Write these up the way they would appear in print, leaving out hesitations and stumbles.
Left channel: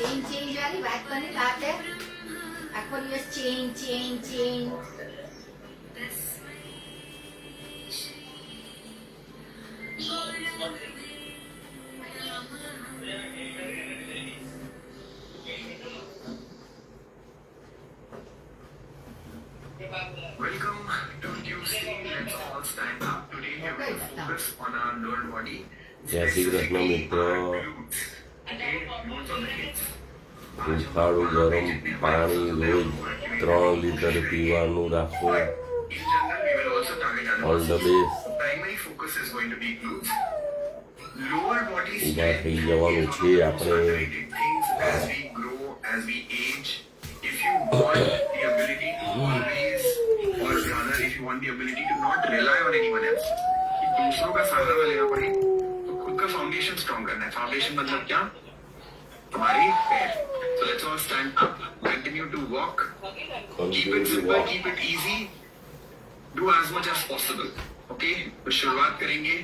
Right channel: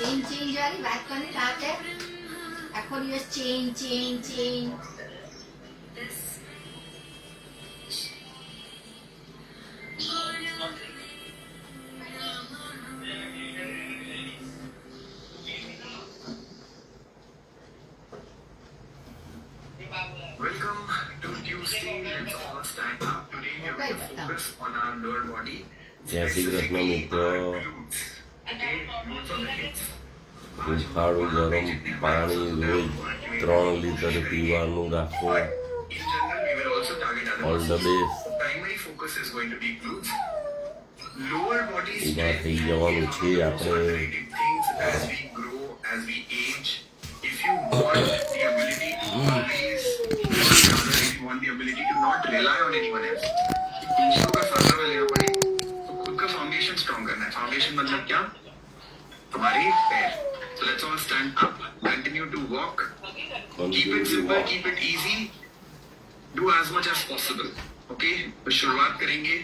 Change વાળી વાત કરને રાતે આખો દિવસ change Welcome to Tuesday. Let's all stand up. Today we will focus on our lower body. જય શ્રી કૃષ્ણ મિત્રો. Okay, glutes on the hips. હુંફાળું ગરમ પાણી રોજ 3 લીટર પીવાનું રાખો. In general, we will also target all the other best. primary focus is going to be glutes. Lower body ઊભા strength થઈ જવાનું છે also આપણે. underrated things as we grow, as we age. If you want the ability to always, or rather, if you want the ability to not rely on anyone else, कि दूसरों का सहारा लेना पड़े, तो खुद का फाउंडेशन स्ट्रॉन्ग करना है. फाउंडेशन मतलब क्या? तुम्हारे पैर. So let's all stand up. Continue to walk. Keep it simple. Keep it easy. Do as much as possible. Okay? तो शुरुआत करेंगे.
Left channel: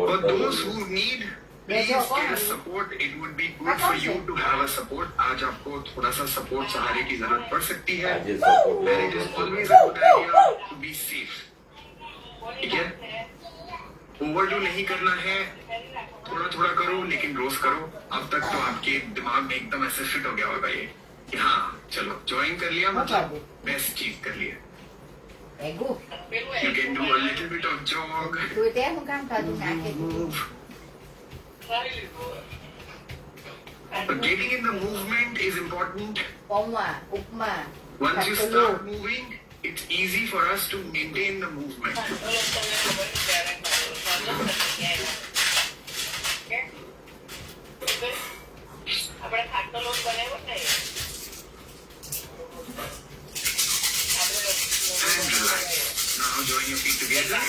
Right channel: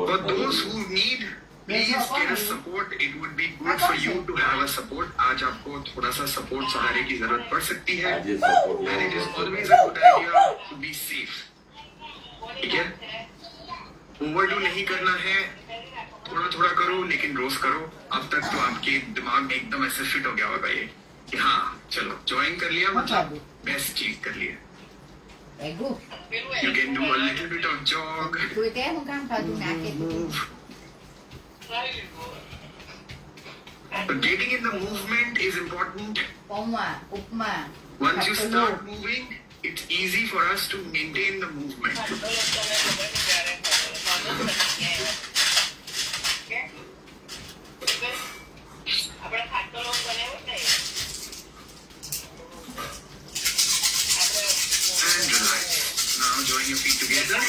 For those who need, please get a support. It would be good for you to have a support. आज आपको थोड़ा सा support सहारे की जरूरत पड़ सकती है. આજે support And it is always a good idea to be safe. ठीक है? ओवरडू नहीं करना है. थोड़ा थोड़ा करो लेकिन रोज करो. अब तक तो आपके दिमाग में एकदम ऐसे फिट हो गया होगा ये कि हाँ चलो ज्वाइन कर लिया मतलब बेस्ट चीज कर लिया. Ago You can do a little bit of jog. તું કે હું કામ કરું નાખે But getting in the movement is important. Pauva upma Once you start moving, it's easy for us to maintain the movement. And relax. Now join your feet together.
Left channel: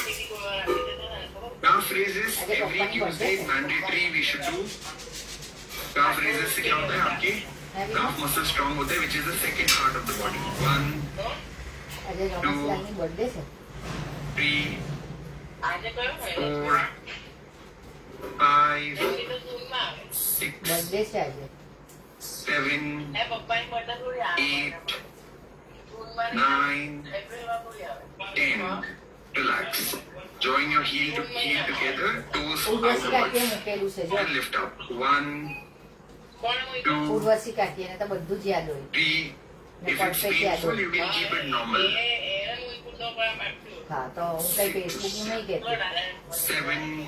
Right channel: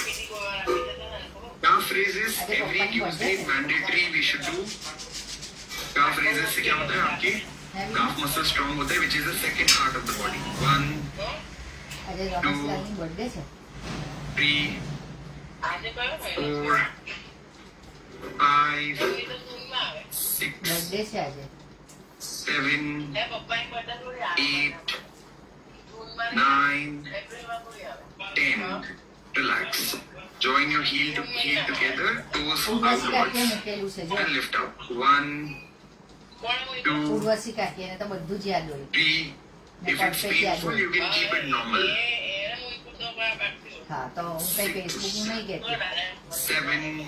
Calf raises every Tuesday mandatory we should do. Calf raises से क्या होता है आपके calf muscle strong होता है, which is the second part of the body. 1, આજે રમેશલાલની birthday છે 3, 4, 5, 6, birthday છે આજે 7, 8, 9, 10. Relax. Join your heel together, toes Urvashi કાકીએ outwards, મૂકેલું છે જો and lift up. 1, 2, ઉર્વશી કાકીને તો બધું જ યાદ હોય 3. If it's painful, you can keep it normal. હા તો હું કઈ ફેસબુકનું નહીં કહેતી 7,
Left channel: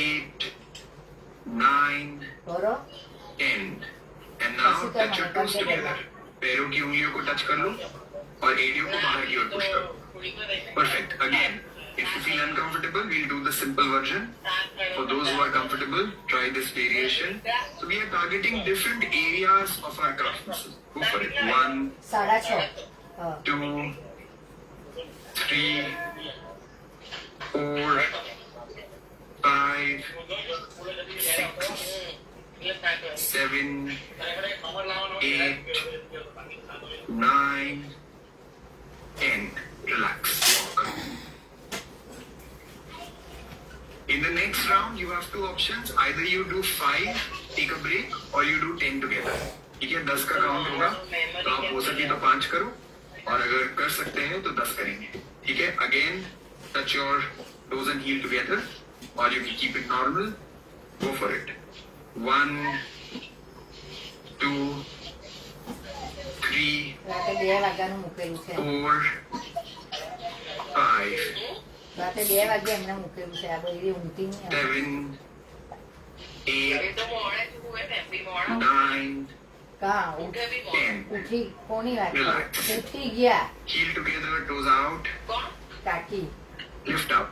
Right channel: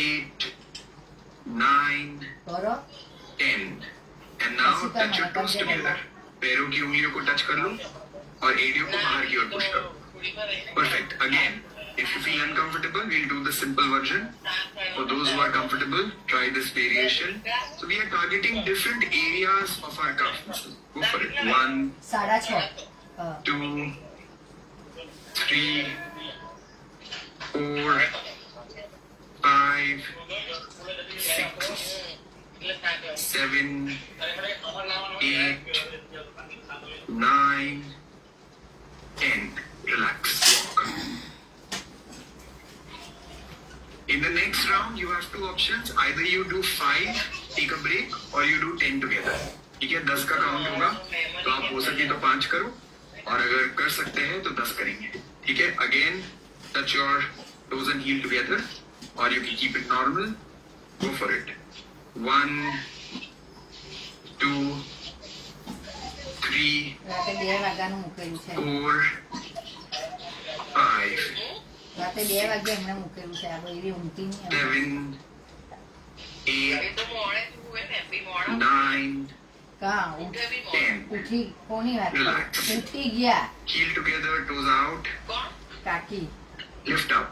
8, 9, કરો 10. And now touch your toes together. पैरों की उंगलियों को टच कर लो और एड़ियों को बाहर की ओर पुश करो. Perfect. Again, if you feel uncomfortable, we'll do the simple version. For those who are comfortable, try this variation. So we are targeting different areas of our calf muscle. Go for it. 1, 6:30 2, 3, 4, 5, 6, 7, 8, 9, 10. Relax. Walk. In the next round, you have two options. Either you do 5, take a break, or you do 10 together. ठीक है 10 का count होगा तो आप हो सके तो 5 करो और अगर कर सकते हैं तो 10 करेंगे. ठीक है again touch your toes and heel together और you can keep it normal. Go for it. 1, 2, 3, રાતે 2 વાગ્યાનું મૂકેલું છે 4, 5, રાતે 2 વાગે એમને મૂકેલું છે આ બધી ઊંઘતી નહીં 7, 8, 9, હા 10. ઉઠી કોની વાત કરે? Relax. ઉઠી ગયા Heel together, toes out. કાકી Lift up.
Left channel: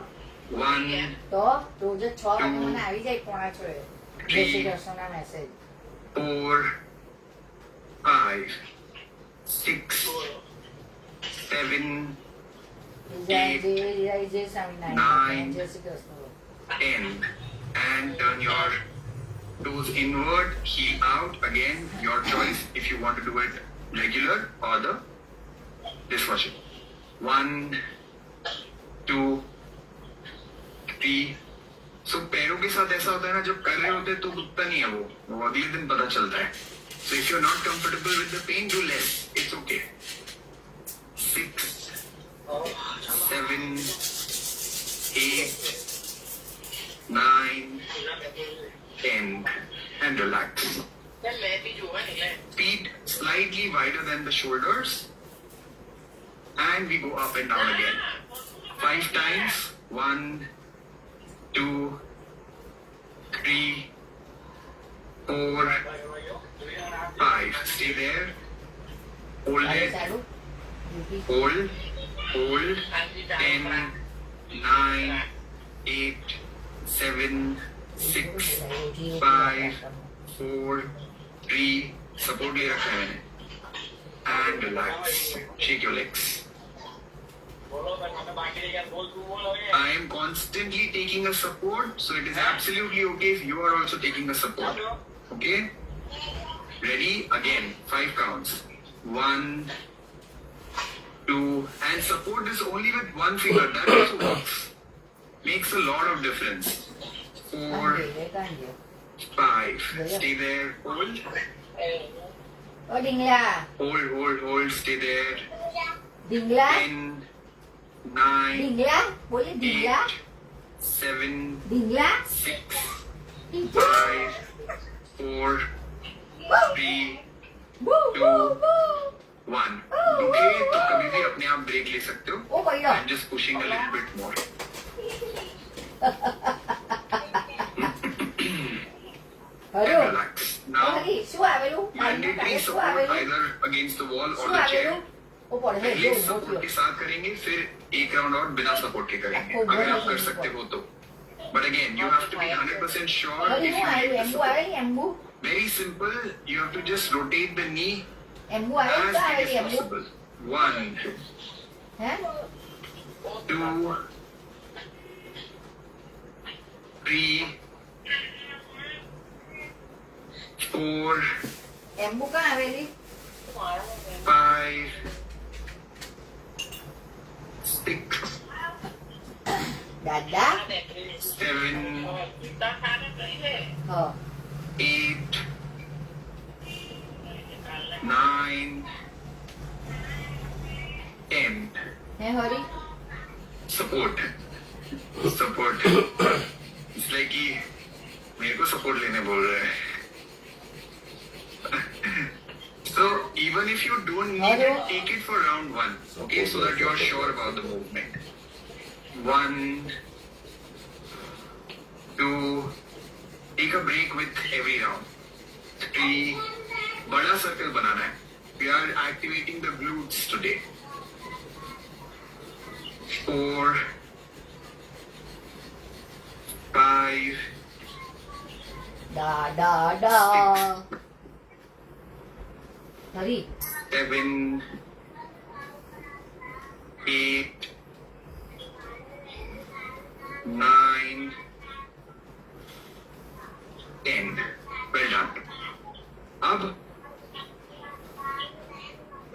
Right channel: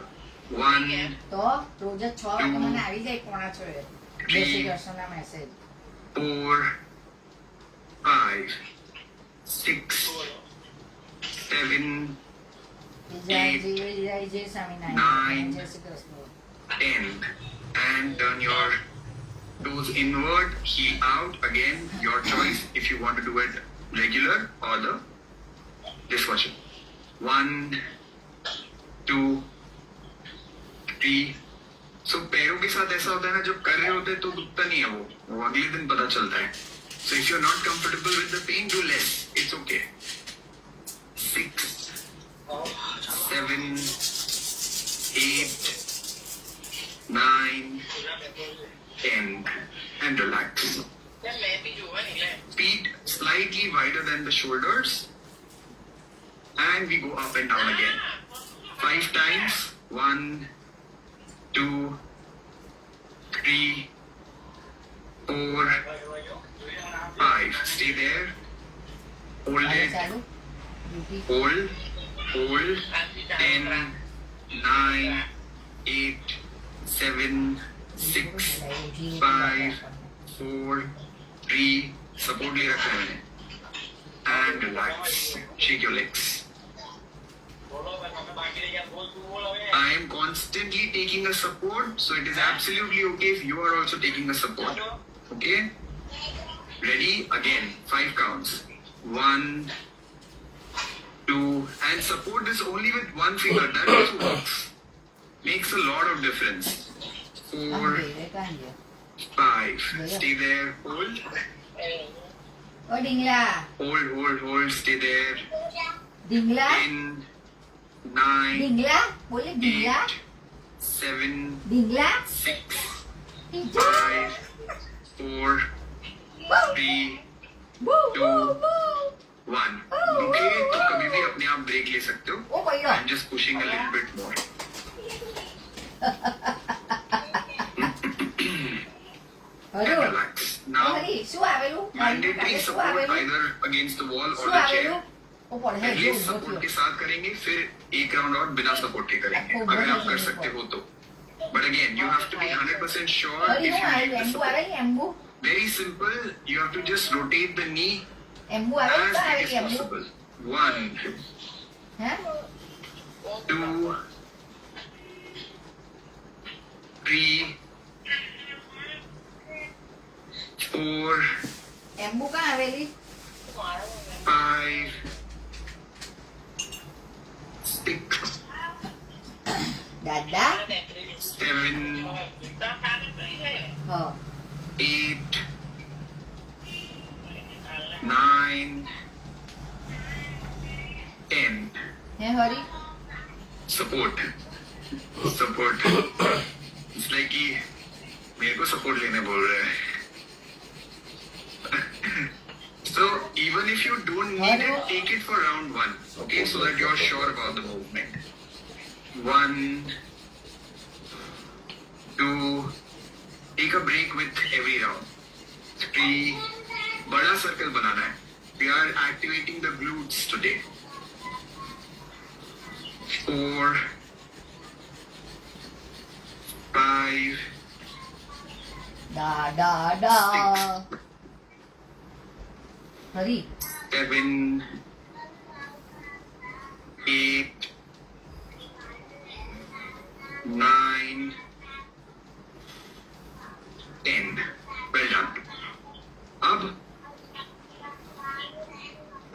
1, તો રોજ 6 વાગે મને આવી જાય 5:45 જય શ્રી કૃષ્ણના મેસેજ 4, 5, 6, 7, જય સ્વામિનારાયણ જય Shri Krishna 10. And turn your toes inward, heel out. Again, your choice if you want to do it regular or the this version. 1, 2, 3, सो पैरों के साथ ऐसा होता है ना, जब कर रहे होते हैं तो दुखता नहीं है वो अगले दिन पता चलता है. So if you are not comfortable with the pen, do less, it's okay. 6, 7, 8, 9, 10, and relax. Feet slightly wider than the shoulders, and we go up and down again. 5 times. 1, 2, 3, 4, 5. Stay there. Hold it. Hold. 10, 9, 8, 7, 6, 5, 4, 3. Support ले रखा है मैंने. And relax. Shake your legs. I am constantly taking a support, so it is absolutely okay if you are also taking a support. Okay? Ready? Again, 5 counts. 1, 2, and support is only with one finger. That also works. Makes a lot of difference. 4, 5. Stay there. Hold. O डिंगला Hold. Stay there. डिंगला 10, 9, डिंगला बोले डिंगला 8, 7, डिंगला 6, 5, 4, 3, 2, 1. Okay, तो कभी भी अपने आप break ले सकते हो. ओ भैया I'm just pushing a little bit more. And hello relax. Now, हरी શું આવેલું mandatory શું support આવેલું either against the wall or શું the chair. આવેલું ओ पढ़े पहले जो सपोर्ट के साथ करेंगे, फिर एक राउंड और बिना सपोर्ट के करेंगे, अगर आप कर सकते हो तो. But again, you have to be 100% sure Hari if હું you need આવેલું the એમ્બુ support. આવેલી એમ્બુ Very simple. You have to just rotate the knee એમ્બુ આવેલી as તો big as આવેલી એમ્બુ possible. 1, હે 2, 3, 4, એમ્બુ કાં આવેલી 5, 6, દાદા 7, હા 8, 9, 10. હે હરી Support. It's like कि मेरे को सपोर्ट लेने बोल रहे हैं. So even if you don't need it, take it for round 1, okay, so that you're sure about the movement. 1, 2, take a break with every round. 3, बड़ा सर्कल बनाना है. We are activating the glutes today. 4, 5, ડા ડા ડા Hari 7, 8, 9, 10. Well done. अब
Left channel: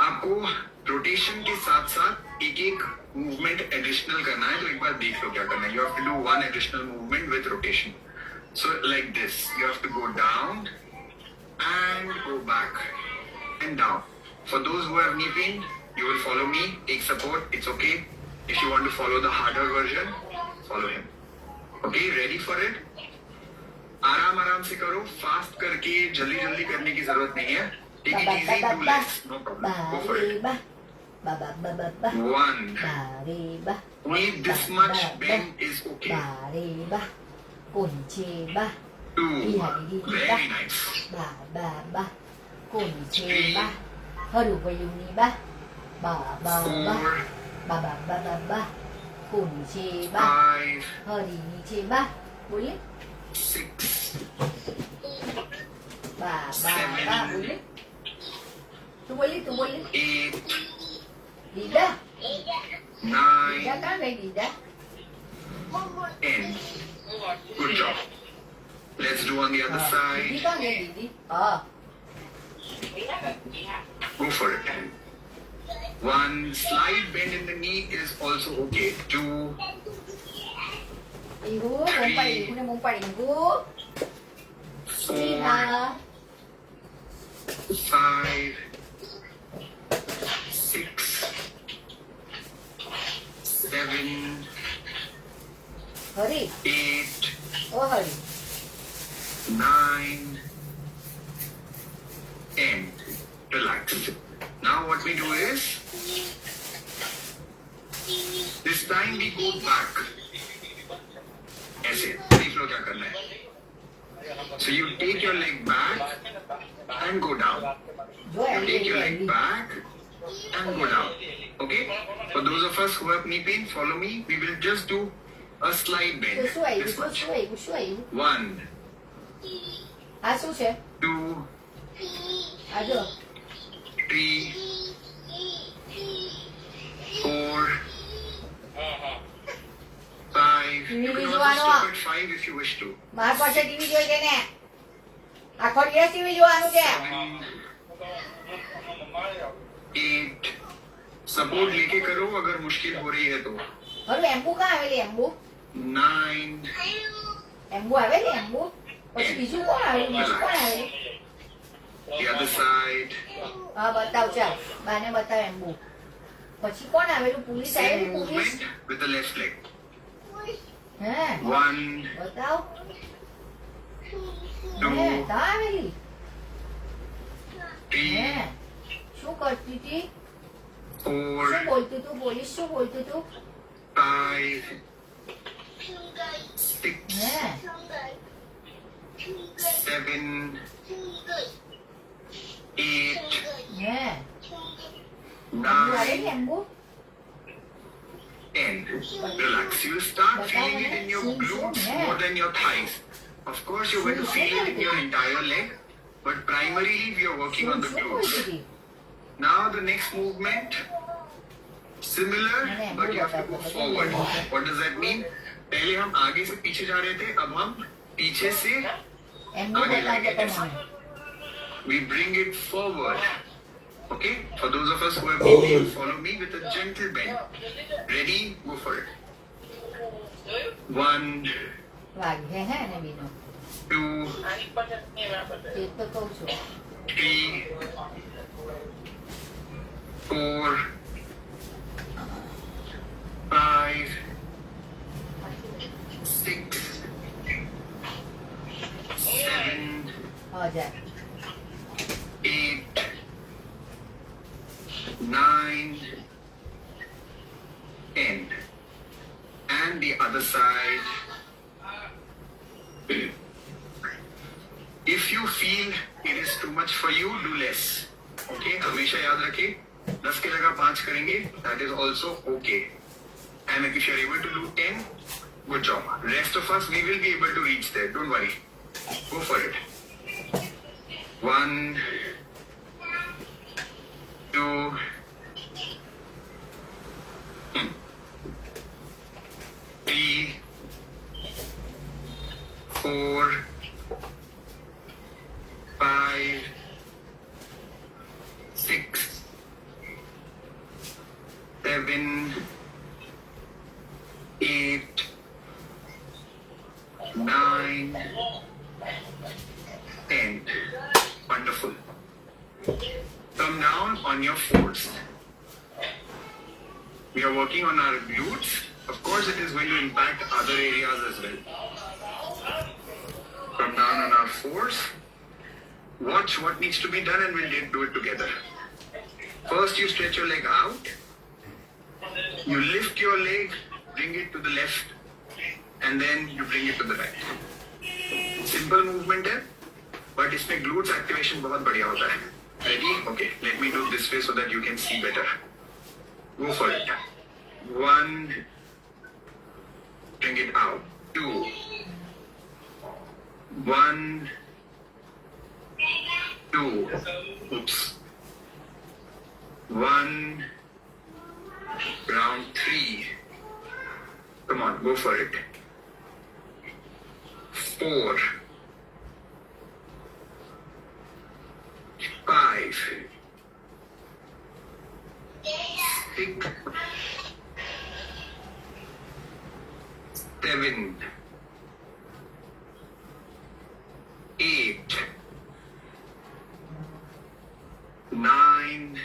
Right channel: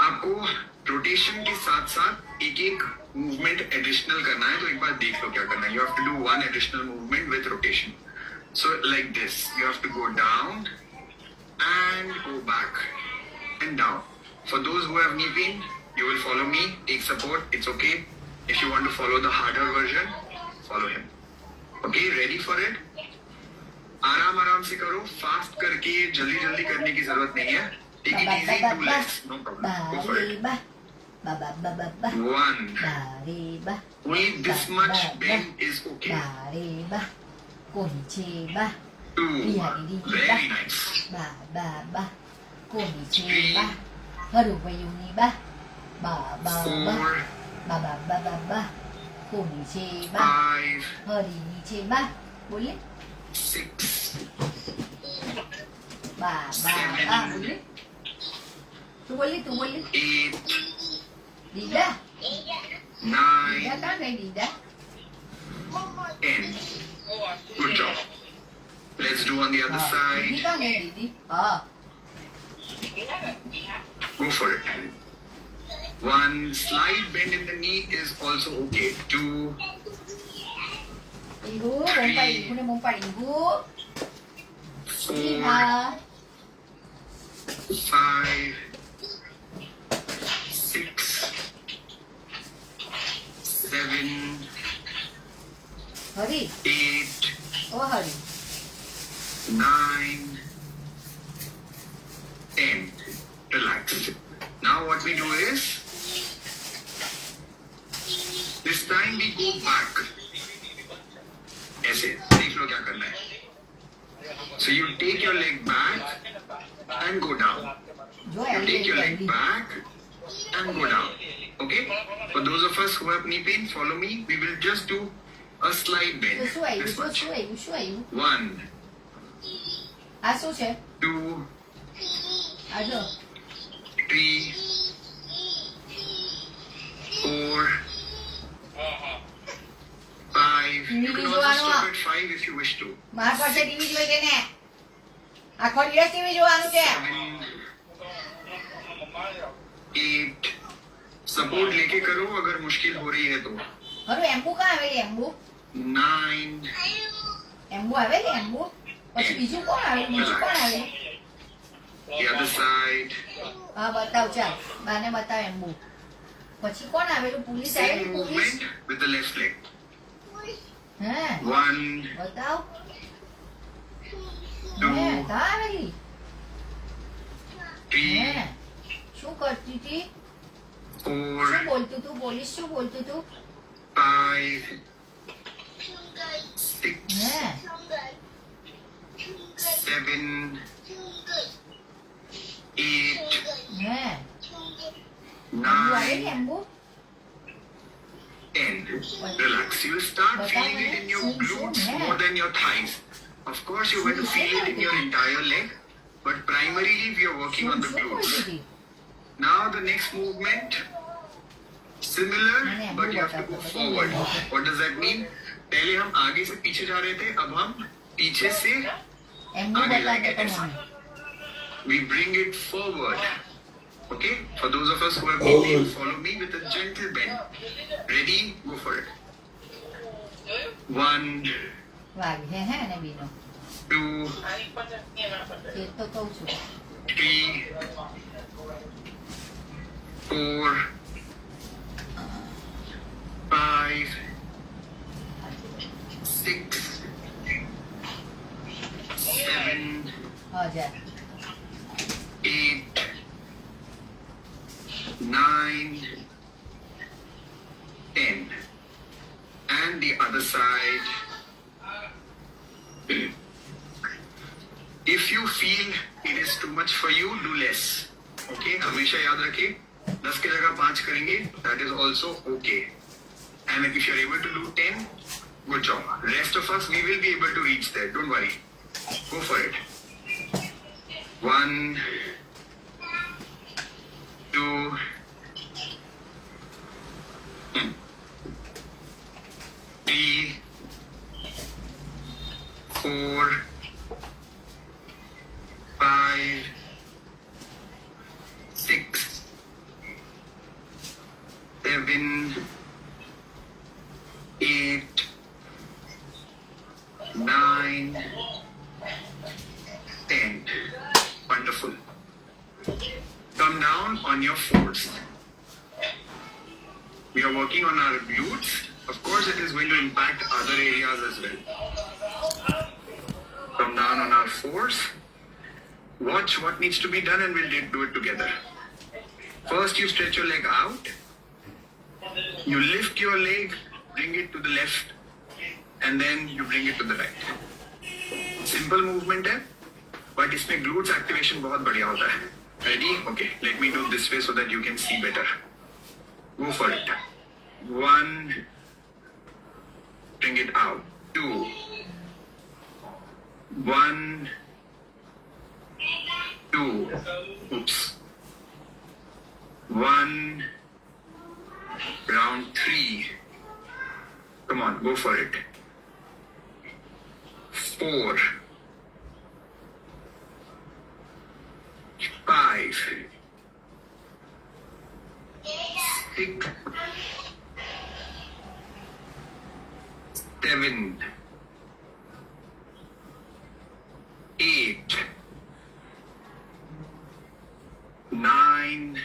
आपको rotation के साथ साथ एक एक movement additional करना है, तो एक बार देख लो क्या करना है. You have to do 1 additional movement with rotation. So like this, you have to go down and go back and down. For those who have knee pain, you will follow me, take support, it's okay. If you want to follow the harder version, follow him. Okay, ready for it? आराम आराम से करो, fast करके जल्दी जल्दी करने की जरूरत नहीं है. Take it easy, do less, no problem. Go for it. bà bà bà bà bà bà 1. bà đi bà Only this much bend is okay. bà đi bà cồn chê bà 2. đi hãy đi bà Very nice. bà cồn chê bà hơi đủ về dùng đi bà bà 4, cồn chê bà 5, hơi đi chê bà boleh 6, bà boleh tu boleh 8, Dida 9, Dida kan ada Dida 10. Good job. Let's do on the other Didi side. kan ada Didi Go for it. 1 slight bend in the knee is also okay. 2, 이구 몸빨 이구네 몸빨 이구 4, 이하 5, 6, 7, 허리 8, 또 허리 9, 10. Relax. Now what we do is, this time we go back. ऐसे देख लो क्या करना है. So you take your leg back and go down. जो You really take your leg really back and go down. Okay? For those of us who have knee pain, follow me. We will just do a slide bend. શું આવ્યું This much. શું આવ્યું શું આવ્યું 1, આ શું છે 2, આ જો 3, 4, 5. You can also stop at 5 if you wish to. માર પાસે ટીવી જોઈ કે ને આખો દિવસ ટીવી જોવાનું છે 8. सपोर्ट लेके करो अगर मुश्किल हो रही है तो. મારું એમ્બુ કાં આવેલી એમ્બુ 9, એમ્બુ આવેલી એમ્બુ પછી બીજું કોણ આવેલું બીજું કોણ આવેલું the other side. હા બતાવ ચાલ બાને બતાવ એમ્બુ પછી કોણ આવેલું પુલિસ Same આવેલી police movement with the left leg. હે 1, બતાવ 2, હે કા આવેલી 3, હે શું કરતી હતી 4, શું બોલતું તું પોલીસ શું બોલતું તું 5, 6, હે 7, 8, હે એમ્બુ 9, આવેલી એમ્બુ 10. Relax. You'll start feeling it in your glutes more than your thighs. Of course, you're going to feel it in your entire leg, but primarily we are working on the શું glutes. બોલતી હતી Now the next movement, similar, but you have to go forward. What does that mean? पहले हम आगे से पीछे जा रहे थे, अब हम पीछे से એમ્બુ आगे બતાવ जाएंगे. તો મને We bring it forward. Okay? For those of us who have knee pain, follow me with a gentle bend. Ready? Go for it. 1, વાગી હે ને બીનો 2, તે તો કહું છું 3, 4, 5, 6, 7, હા જા 8, 9, 10. And the other side. If you feel it is too much for you, do less. Okay? हमेशा याद रखिए 10 की जगह 5 करेंगे. That is also okay. And if you are able to do 10, good job. Rest of us, we will be able to reach there. Don't worry. Go for it. 1, 2, 3, 4, 5, 6, 7, 8, 9, 10. Wonderful. Come down on your fours. We are working on our glutes. Of course, it is going to impact other areas as well. Come down on our fours. Watch what needs to be done and we'll do it together. First, you stretch your leg out. You lift your leg, bring it to the left, and then you bring it to the right. Simple movement है, but इसमें glutes activation बहुत बढ़िया होता है. Ready? Okay, let me do this way so that you can see better. Go for it. 1, bring it out. 2, 1, 2, oops. 1, round 3. Come on, go for it. 4, 5, 6, 7, 8, 9,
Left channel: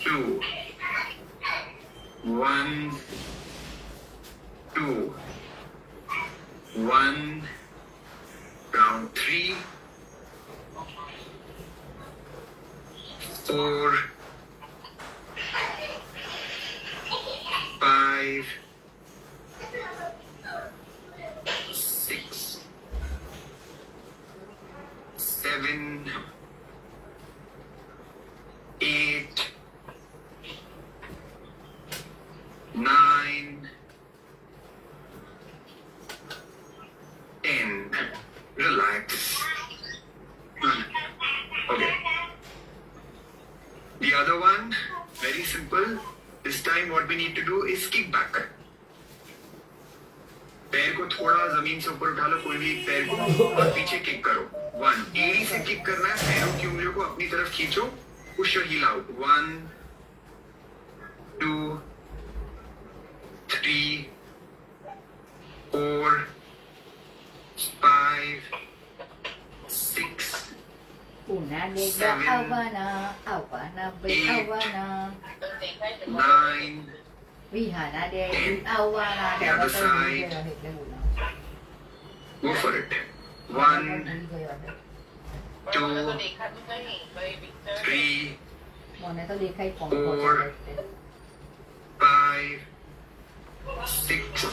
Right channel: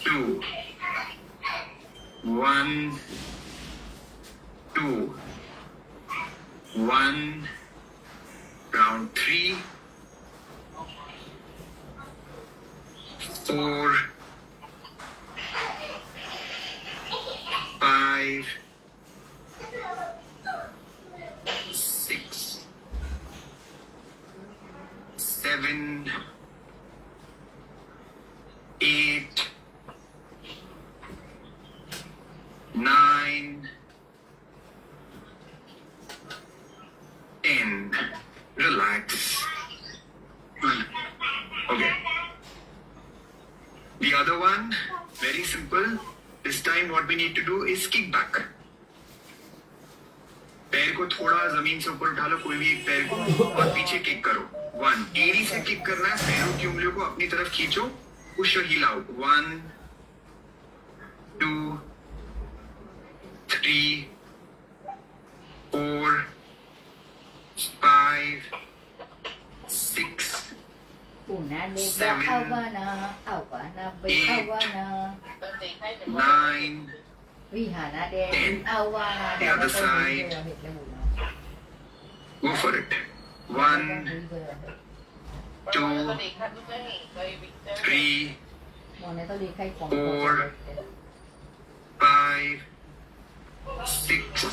2, 1, 2, 1, round 3, 4, 5, 6, 7, 8, 9, 10. Relax. Okay. The other one, very simple. This time what we need to do is kick back. पैर को थोड़ा जमीन से ऊपर उठा लो, कोई भी पैर को, और पीछे किक करो. 1. एड़ी से किक करना है. पैरों की उंगलियों को अपनी तरफ खींचो. Push your heel out. 1, 2, 3, 4, 5, 6, Una negra Havana, Havana, big Havana. 9. Rihanna de Havana. The other side. Go for it. 1, 2, 3, 4, 5, 6,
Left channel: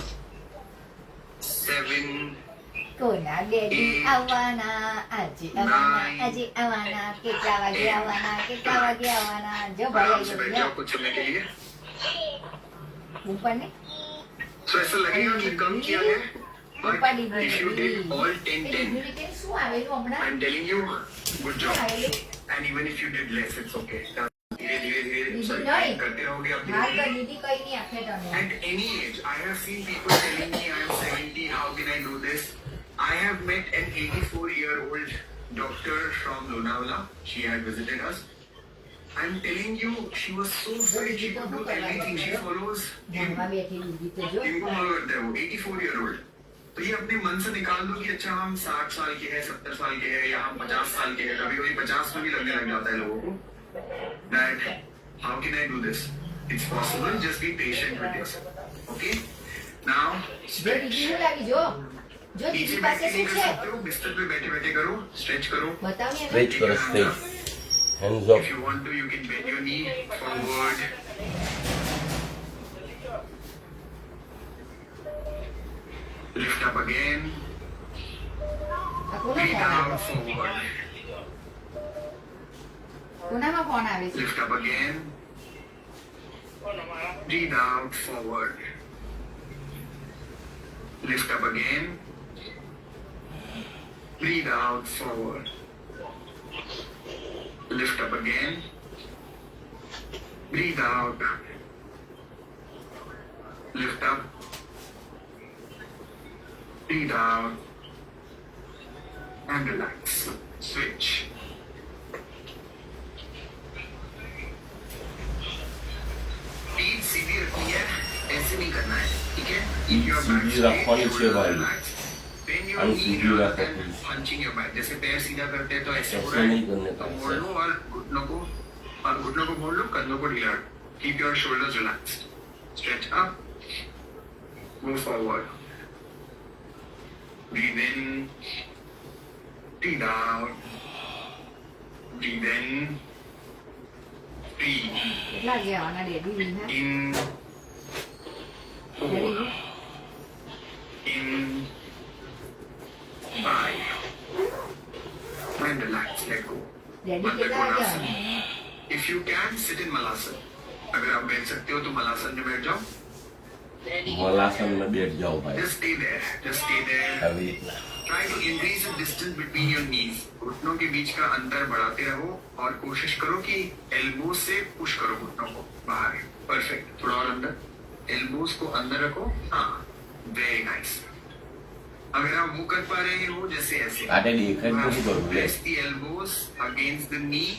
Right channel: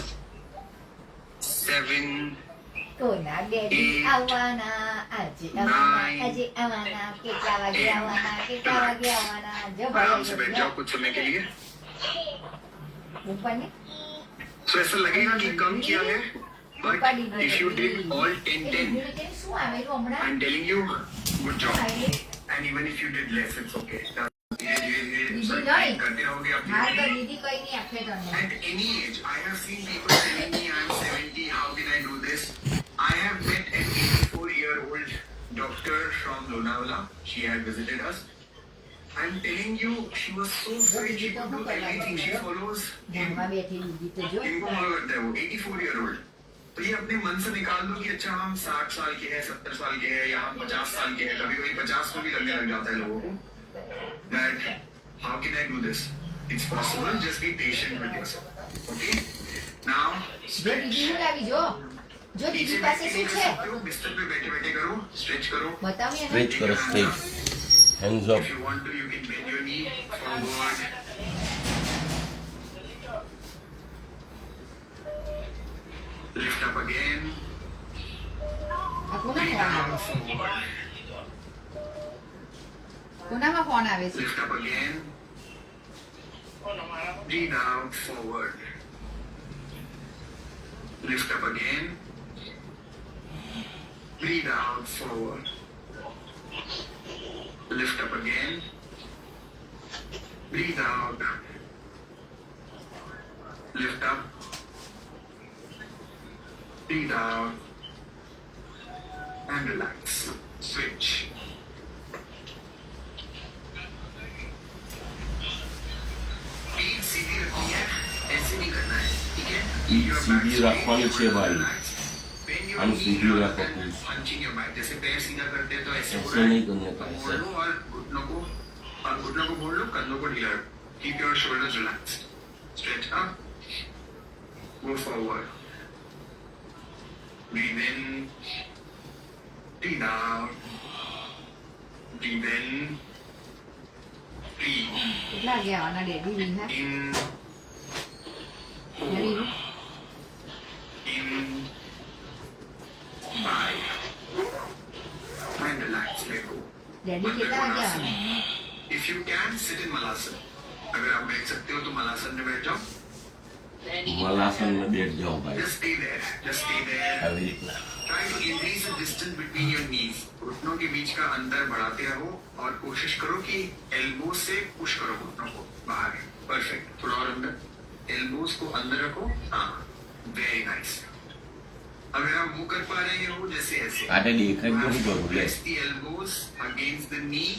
7, Kuna de Havana, Aji Havana, Aji Havana, Kikawagi Havana, Kikawagi Havana. जो आराम से बैठ भाई जाओ कुछ समय के लिए. ऊपर ने So ऐसा लगेगा कि कम किया है. ऊपर But the if you did all 10, 10, unit શું આવે જો હમણાં I'm telling you, good job. And even if you did less, it's okay. धीरे धीरे करते रहोगे आप. હાર તો દીદી કઈ નહીં આપે તને At any age, I have seen people telling me I'm 70, how can I do this? I have met an 84-year-old doctor from Lonavala. She had visited us. I'm telling you, she was so fit. She could do everything. She follows ધનમાં બેઠી દીદી તો જો इनको follow करते हो. 84-year-old. तो ये अपने मन से निकाल दो कि अच्छा हम 60 साल के हैं, 70 साल के हैं, या हम 50 साल के हैं. कभी कभी 50 में भी लगने लग जाता है लोगों को. That how can I do this? It's possible. Just be patient with yourself. Okay? Now, જો દીદી હું લાવી જો જો पीछे દીદી बैठ પાસે के नहीं શું कर છે सकते हो. बिस्तर पे बैठे बैठे करो. स्ट्रेच करो. બતાવી એને સ્ટ્રેચ કરો stretch hands If up you want to, you can bend your knee forward. Lift up again. આ કોનો Breathe ફોન આવે out forward. કોનામાં ફોન આવે છે Lift up again. Breathe out forward. Lift up again. Breathe out forward. Lift up again. Breathe out. Lift up. Breathe out. And relax. Switch. पीठ सीधी रखनी है, ऐसे नहीं करना है, ठीक है? पीठ Your सीधी back रखनी straight, है भाई. relax. Bend your हम knee सीधी rather रखो than please. hunching your back. जैसे पैर सीधा करते हैं तो ऐसे हो ऐसे रहा है. नहीं करने का, मोड़ ऐसे. लो और घुटनों को मोड़ लो, कंधों को ढीला रखो. Keep your shoulders relaxed. Stretch up. Go forward. Breathe in. Breathe out. Breathe in. Breathe કેટલા ગયા ડેડી બી હે in. Daddy 4. In. 5. And relax. Let go. Daddy કેટલા વાગ્યા If you can, sit in Malasan. अगर आप बैठ सकते हो तो मलासन में बैठ जाओ. મલાસન માં બેઠ જાઓ ભાઈ Just stay there. Just stay there. આવી રીતના Try to increase the distance between your knees. घुटनों के बीच का अंतर बढ़ाते रहो और कोशिश करो कि एल्बोज से पुश करो घुटनों को बाहर. परफेक्ट. थोड़ा और अंदर. एल्बोज को अंदर रखो. हाँ. Very nice. अगर आप मुंह कर पा रहे हो जैसे ऐसे. આટે દેખાય શું કરું લે Press the elbows against the knee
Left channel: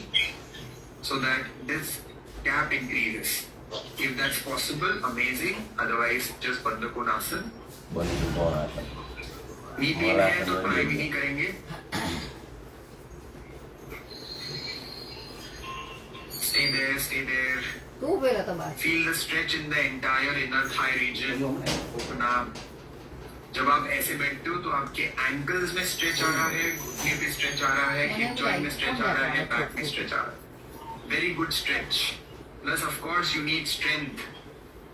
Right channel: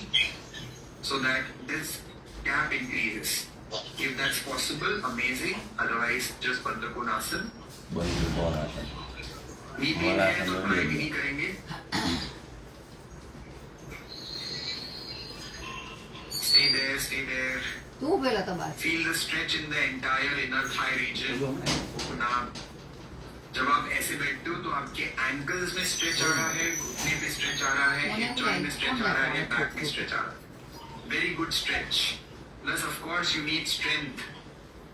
so that this gap increases. If that's possible, amazing. Otherwise, just Bandhakonasana. बंद कौन आता नी पेन है तो ट्राई भी नहीं करेंगे. Stay there, stay there. तू बोला तो बात. Feel the stretch in the entire inner thigh region. Open up. जब आप ऐसे बैठते हो तो आपके एंकल्स में स्ट्रेच आ रहा है, घुटने पे स्ट्रेच आ रहा है, हिप जॉइंट में स्ट्रेच आ रहा है, बैक में स्ट्रेच आ रहा है. Very good stretch. Plus of course you need strength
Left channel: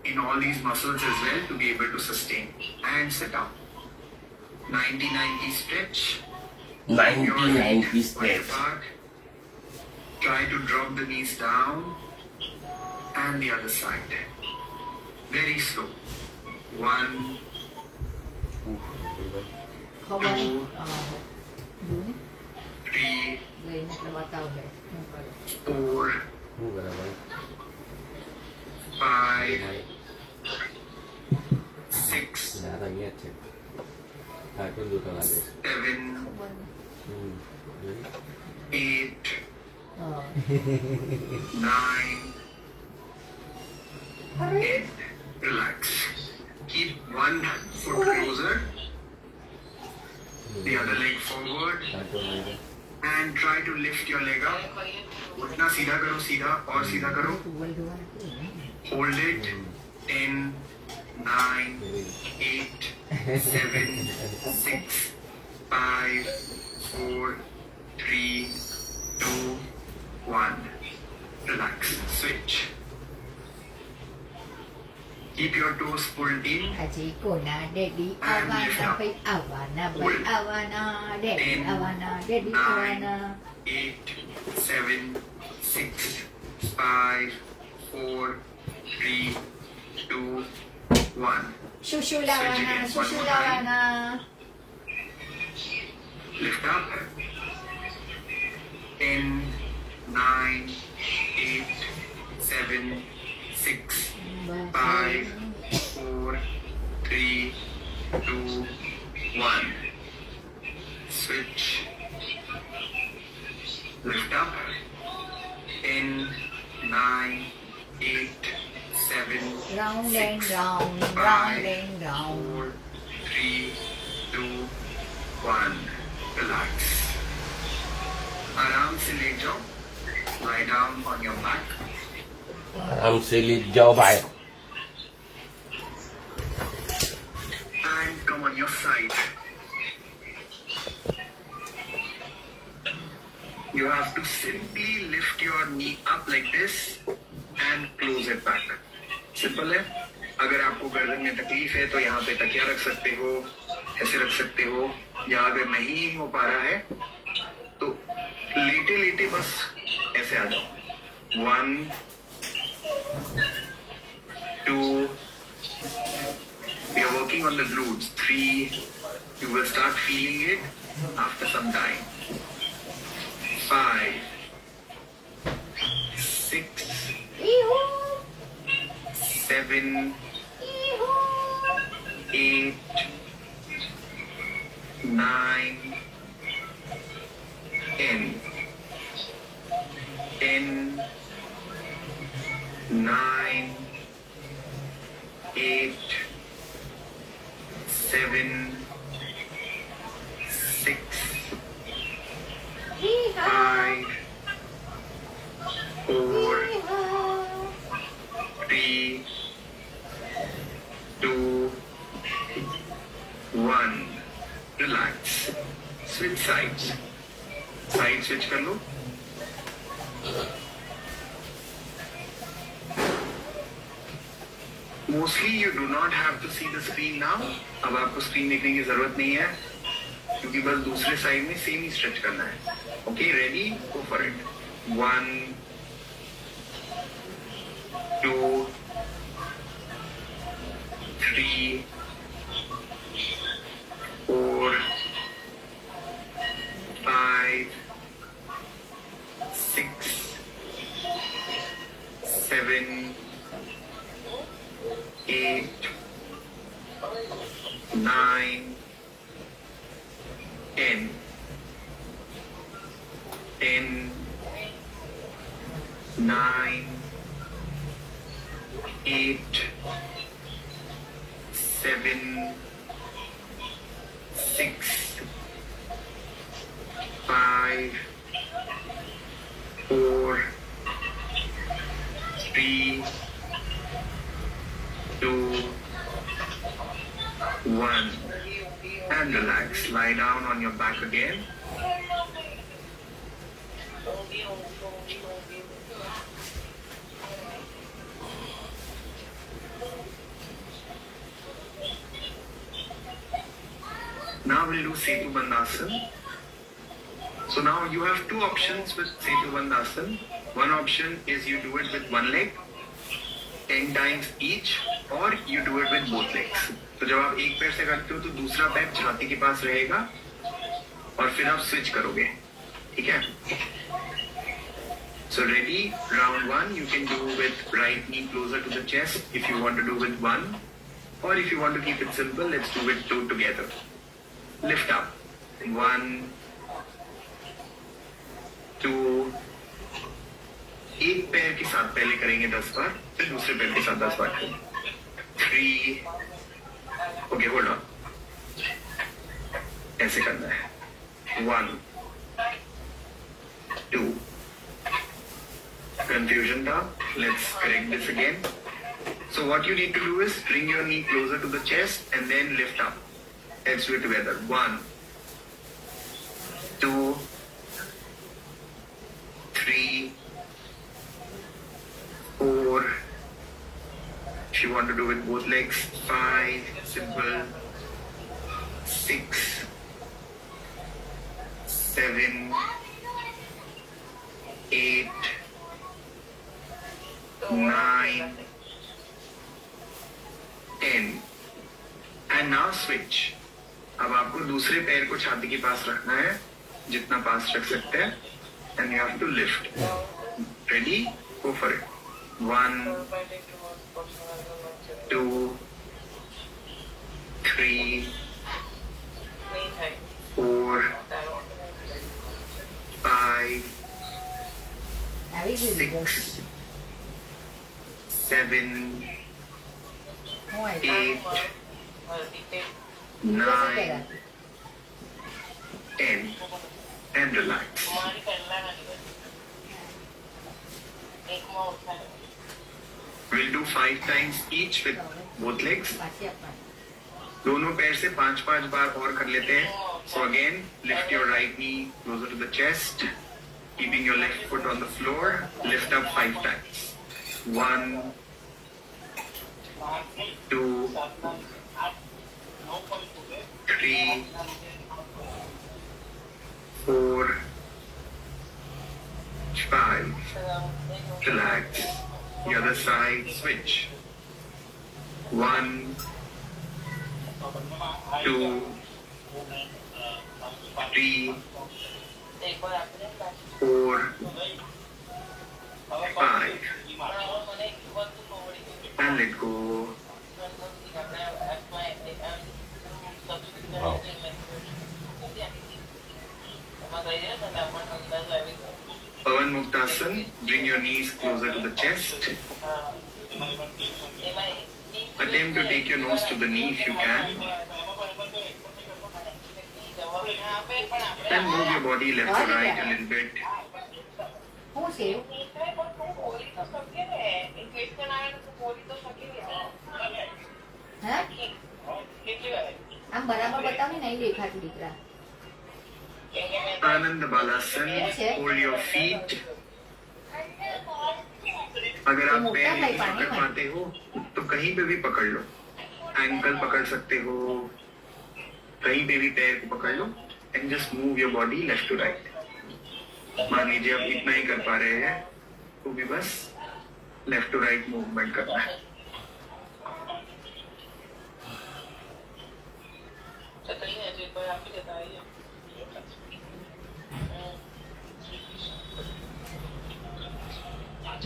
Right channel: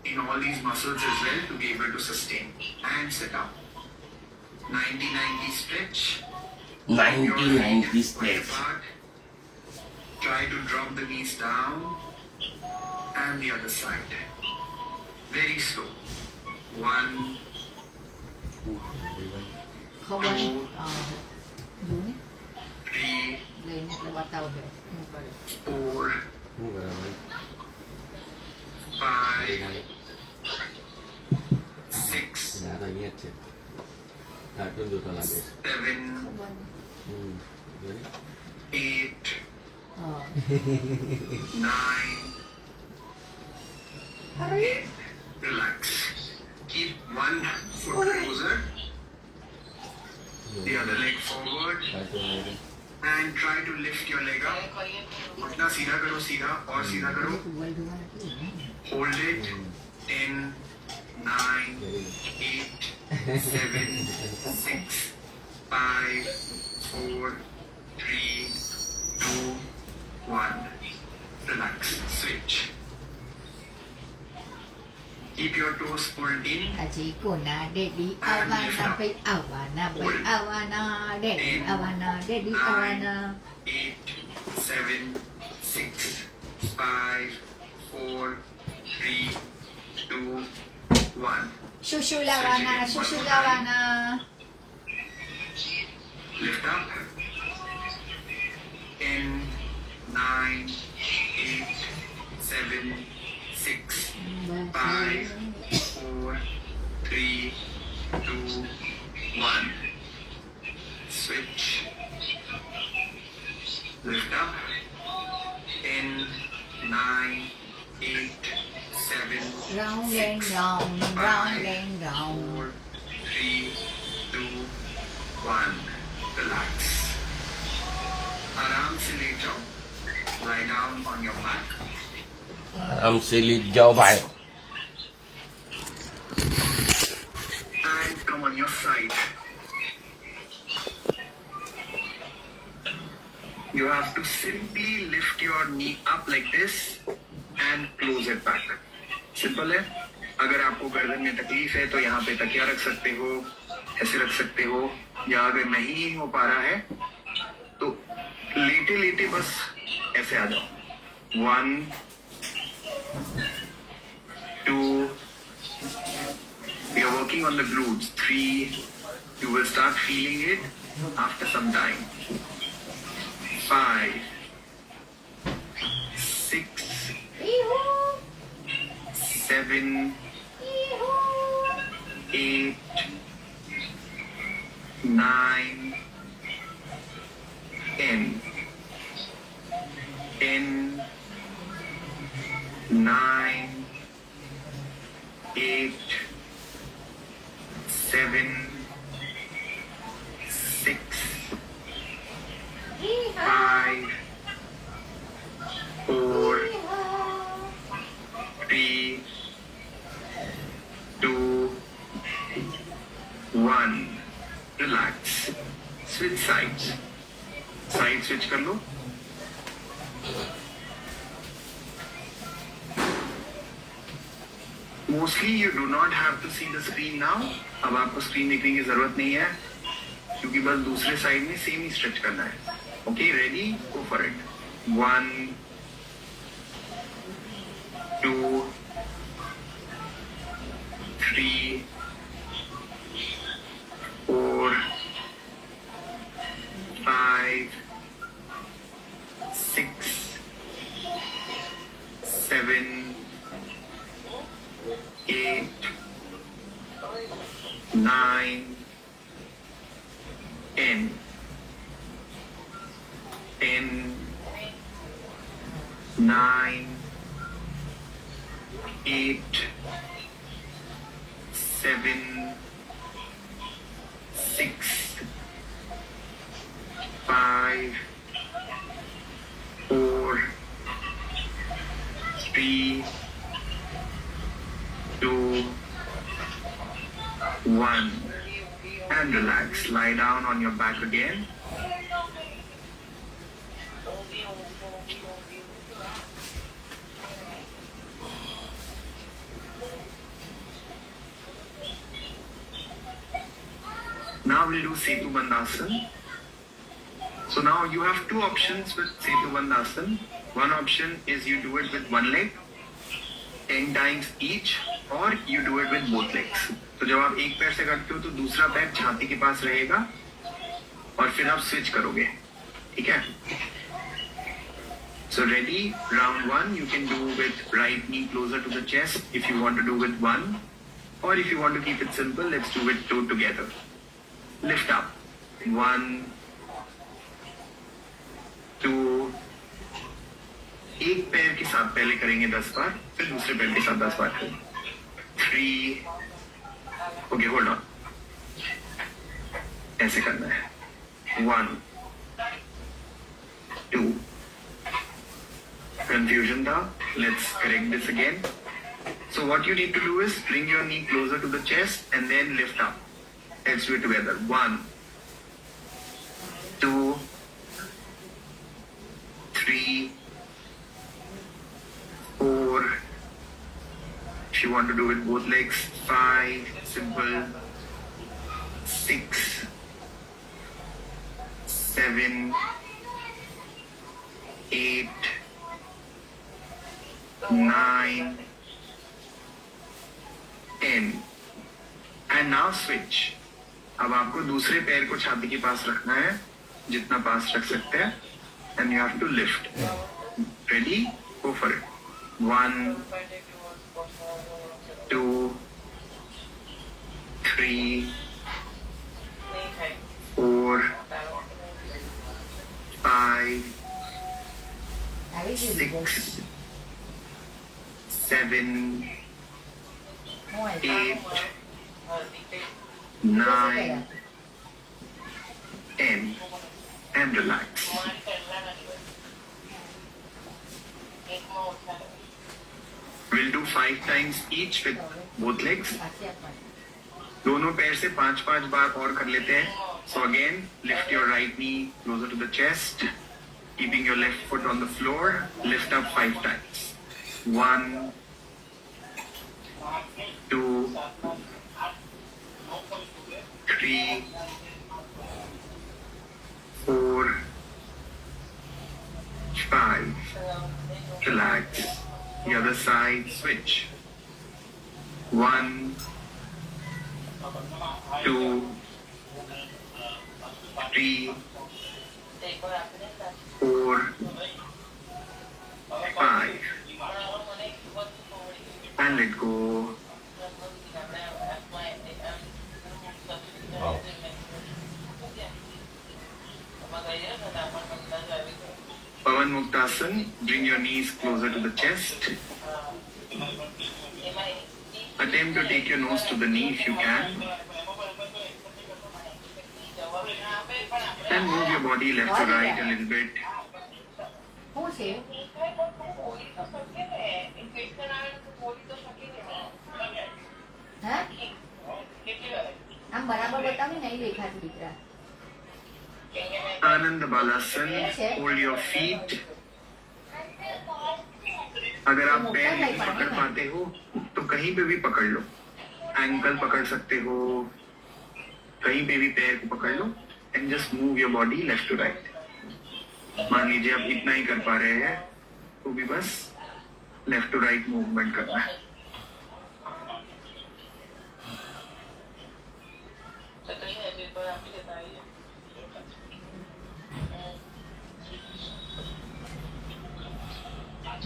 in all these muscles as well to be able to sustain. And sit up. 90-90 stretch. 90-90 stretch. Try to drop the knees down. And the other side. Very slow. 1,เขาบอกดูนี่ 3, เลยนี่เราเตาเลยนี่ไปเลย 4, พูดอะไรไว้ 5, 6, นะตอนเงียบเจ็บถ่ายขึ้นดูตลาดดู 7, เขาบอก 8, อ๋อ 9, 10. Relax. Keep one foot closer, the other leg forward, ถ่ายตัวไหนด้วย and try to lift your leg up. उठना सीधा करो, सीधा और सीधा करो. ดูไว้ดูไว้ Hold it. 10, 9, 8, 7, 6, 5, 4, 3, 2, 1. Relax. Switch. Keep your toes pulled in. อาชีโกนาเดดีอาวานาไปอาวานาไปอาวานาเดดีอาวานาเดดีอาวานา 8, 7, 6, 5, 4, 3, 2, 1. ชูชูลาวานาชูชูลาวานา Lift up. 10, 9, 8, 7, 6, 5, 4, 3, 2, 1. Switch. Lift up. 10, 9, 8, 7, ร้องเล่งร้องร้องเล่งร้อง 4, 3, 2, 1. Relax. आराम से late जाओ. Lie down on your back. आराम से लेट जाओ भाई. And come on your side. You have to simply lift your knee up like this and close it back. Simple है. अगर आपको गर्दन में तकलीफ है तो यहाँ पे तकिया रख सकते हो, ऐसे रख सकते हो, या अगर नहीं हो पा रहा है तो लेटे लेटे बस ऐसे आ जाओ. 1, 2, we are working on the glutes. 3, you will start feeling it after some time. 5, 6, 7, 8, 9, 10. 10, 9, 8, 7, 6, 5, 4, 3, 2, 1. Relax. Switch sides. Side switch कर लो. Mostly you do not have to see the screen now. अब आपको स्क्रीन देखने की जरूरत नहीं है क्योंकि बस दूसरे साइड में सेम ही स्ट्रेच करना है. Okay, ready? Go for it. 1, 2, 3, 4, 5, 6, 7, 8, 9, 10. 10, 9, 8, 7, 6, 5, 4, 3, 2, 1. And relax. Lie down on your back again. Now we'll do Setu Bandhasan. So now you have two options with Setu Bandhasan. One option is you do it with one leg, 10 times each, or you do it with both legs. तो जब आप एक पैर से करते हो तो दूसरा पैर छाती के पास रहेगा और फिर आप स्विच करोगे, ठीक है? So ready, round 1 you can do with right knee closer to the chest if you want to do with one, or if you want to keep it simple, let's do it two together. Lift up. 1, 2. एक पैर के साथ पहले करेंगे 10 बार, फिर दूसरे पैर के साथ 10 बार करेंगे. 3. Okay, hold on. ऐसे करना है. 1, 2. Confusion था. Let's correct this again. So what you need to do is bring your knee closer to the chest and then lift up. Let's do it together. 1, 2, 3, 4. If you want to do it both legs, 5. Simple. 6, 7, 8, 9, 10. And now switch. अब आपको दूसरे पैर को छाती के पास रखना है, जितना पास रख सकते हैं, and you have to lift. Ready? Go for it. 1, 2, 3, 4, 5, આવી ગયું 6, 7, હું આવી 8, 9, 10, and relax. We'll do 5 times each with both legs. પાછી આપવાની दोनों पैर से 5-5 बार और कर लेते हैं. So again, lift your right knee closer to the chest, keeping your left foot on the floor. Lift up 5 times. 1, 2, 3, 4, 5. Relax. The other side, switch. 1, 2, 3, 4, 5. And let go. Wow. Pavan Muktasan, bring your knees closer to the chest. Attempt to take your nose to the knee if you can. And move your body left to right a little bit. શું છે હા આમ બરાબર બતાવી નહીં દેખાતું દીકરા Anand Balasan, hold your feet. अगर आप पैर नहीं पकड़ पाते हो तो कहीं पे भी पकड़ लो. एंकल पकड़ सकते हो, कहीं पे भी पैर को पकड़ लो and just move your body left to right. मान लीजिए आप इतना ही कर पा रहे हैं तो भी बस लेफ्ट टू राइट मूवमेंट करना है.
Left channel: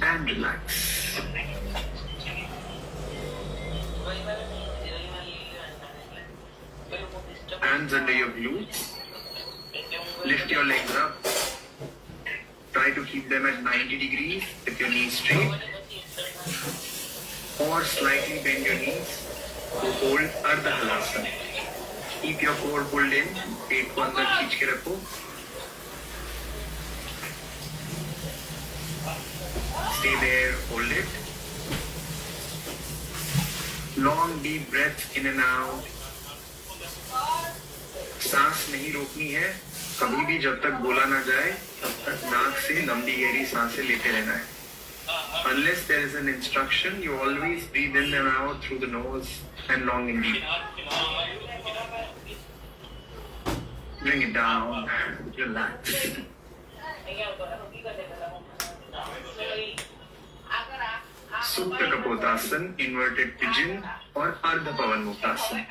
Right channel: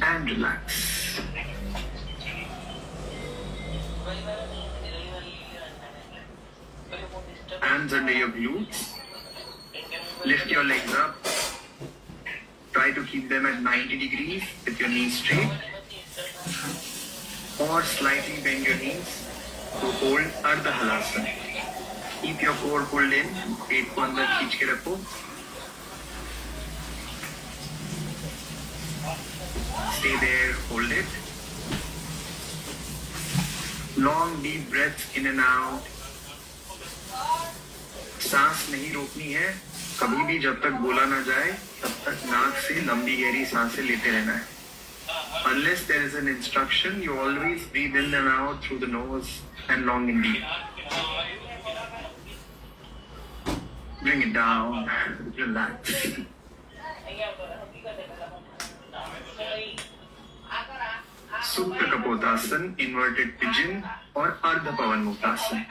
And relax. Hands under your glutes. Lift your legs up. Try try to keep them at 90 degrees with your knees straight, or slightly bend your knees to hold Ardha Halasana. Keep your core pulled in, पेट को अंदर खींच के रखो. Stay there, hold it. Long deep breaths in and out. सांस नहीं रोकनी है. कभी भी जब तक बोला ना जाए तब तक नाक से लंबी गहरी सांसें लेते रहना है. Unless there is an instruction, you always breathe in and out through the nose and long and deep. Bring it down, relax. Supta Kapotasana, inverted pigeon or Ardha Pavan Muktasana.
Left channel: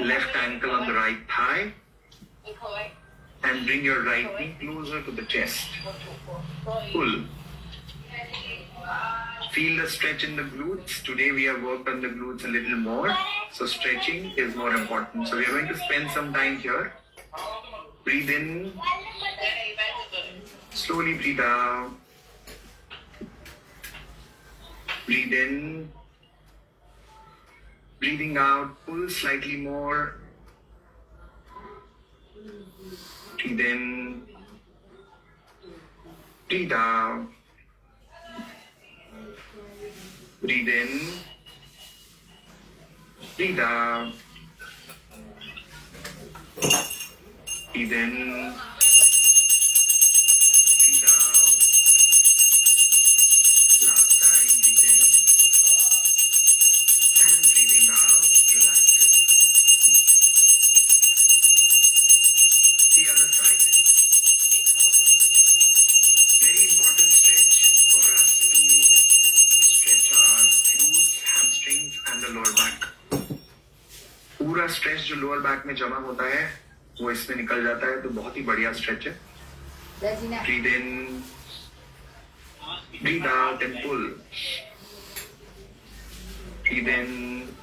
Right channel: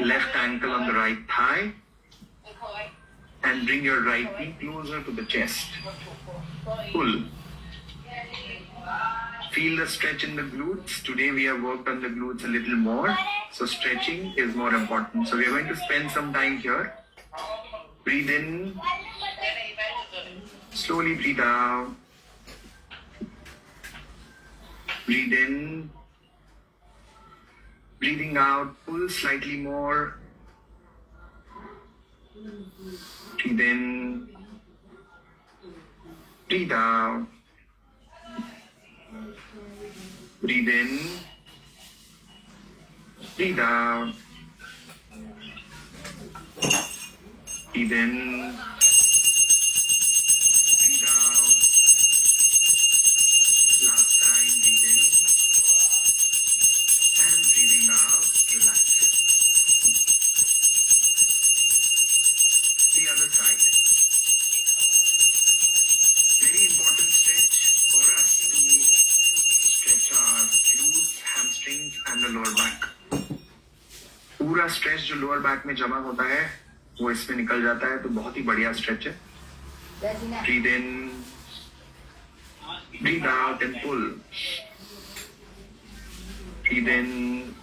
Left ankle on the right thigh and bring your right knee closer to the chest. Pull. Feel the stretch in the glutes. Today we have worked on the glutes a little more, so stretching is more important. So we are going to spend some time here. Breathe in. Slowly breathe out. Breathe in. Breathing out, pull slightly more. Breathe in. Breathe out. Breathe in. Breathe out. Breathe in. Breathe out. Last time, breathe in. And breathing out, relax it. The other side. Very important stretch for us to stretch our glutes, hamstrings and the lower back. पूरा stretch जो lower back में जमा होता है वो इसमें निकल जाता है, तो बहुत ही बढ़िया स्ट्रेच है. Breathe in, breathe out and pull. Breathe in,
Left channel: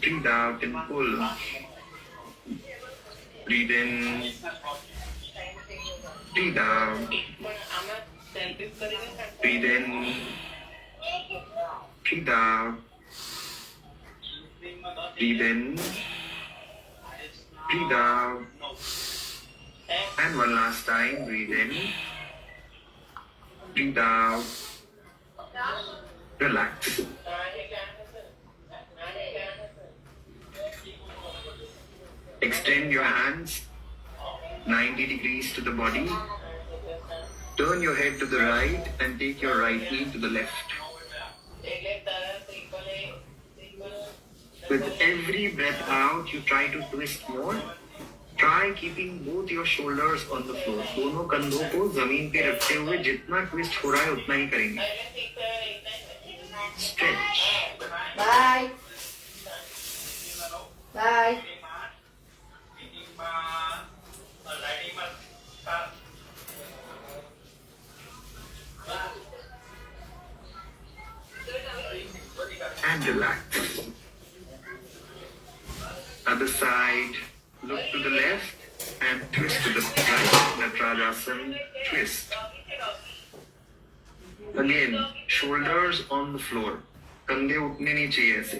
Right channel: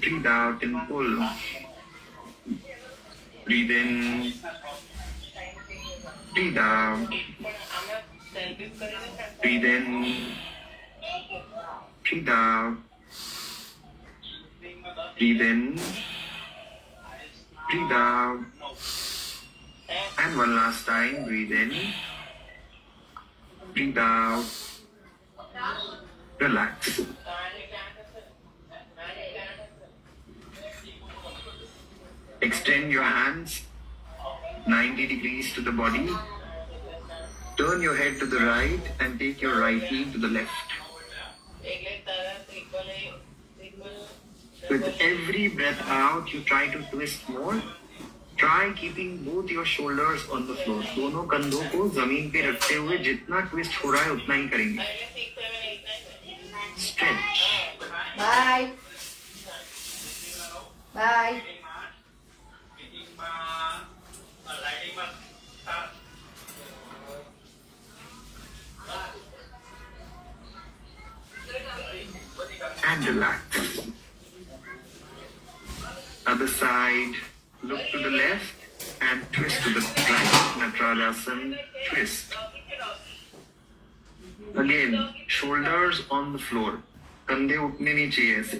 breathe out and pull. Breathe in, breathe out. Breathe in, breathe out. Breathe in, breathe out. And one last time, breathe in, breathe out. Relax. Extend your hands 90 degrees to the body. Turn your head to the right and take your right knee to the left. With every breath out, you try to twist more. Try keeping both your shoulders on the floor. दोनों कंधों को जमीन पे रखते हुए जितना twist हो रहा है उतना ही करेंगे. Stretch. Bye. Bye. And relax. Other side, look to the left and twist to the right. Natarajasana, twist. Again, shoulders on the floor. कंधे उठने नहीं चाहिए ऐसे.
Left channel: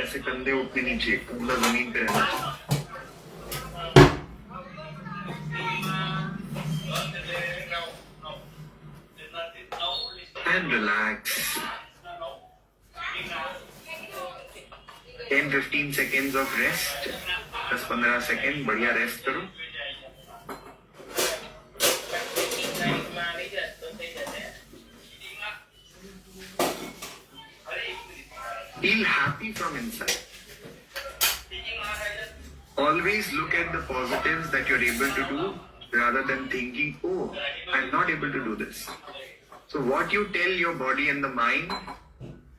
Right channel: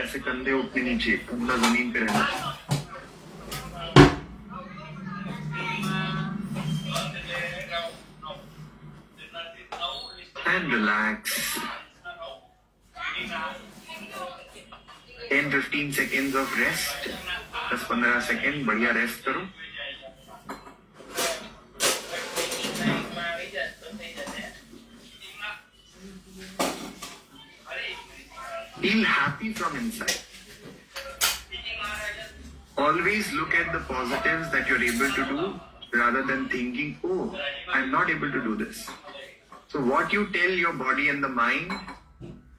ऐसे कंधे उठने नहीं चाहिए. कंधा जमीन पे रहना चाहिए. And relax. 10-15 seconds of rest. 10-15 second बढ़िया रेस्ट करो. Feel happy from inside. Always look at the positives that you're able to do rather than thinking, oh, I'm not able to do this. So what you tell your body and the mind,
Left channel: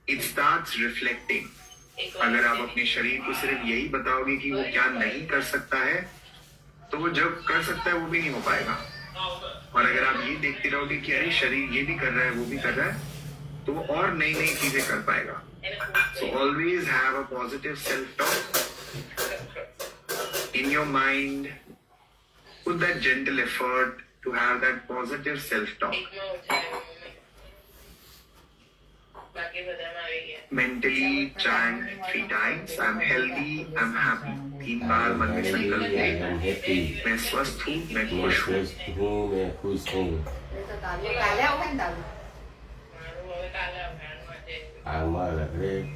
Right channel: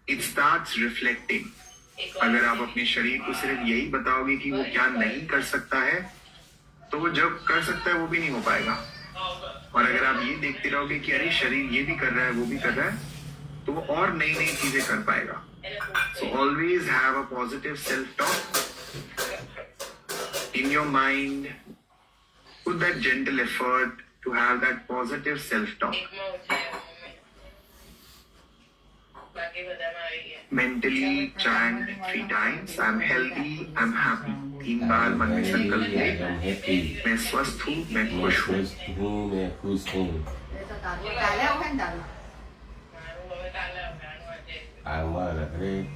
it starts reflecting. अगर आप अपने शरीर को सिर्फ यही बताओगे कि वो क्या नहीं कर सकता है, तो वो जब कर सकता है वो भी नहीं हो पाएगा. और अगर आप ये देखते रहोगे कि अरे शरीर ये भी कर रहा है वो भी कर रहा है, तो वो और नई नई चीजें कर पाएगा. So always have a positive self-talk in your mind. Put that gentle effort to have that positive self-talk. Mentally chant 3 times. I'm healthy, I'm happy. 3 बार मन में संकल्प ले. I'm happy. मैं स्वस्थ हूँ, मैं मैं खुश हूँ. स्वस्थ हूँ, मैं खुश हूँ. Kala ako ang daw. I'm alright.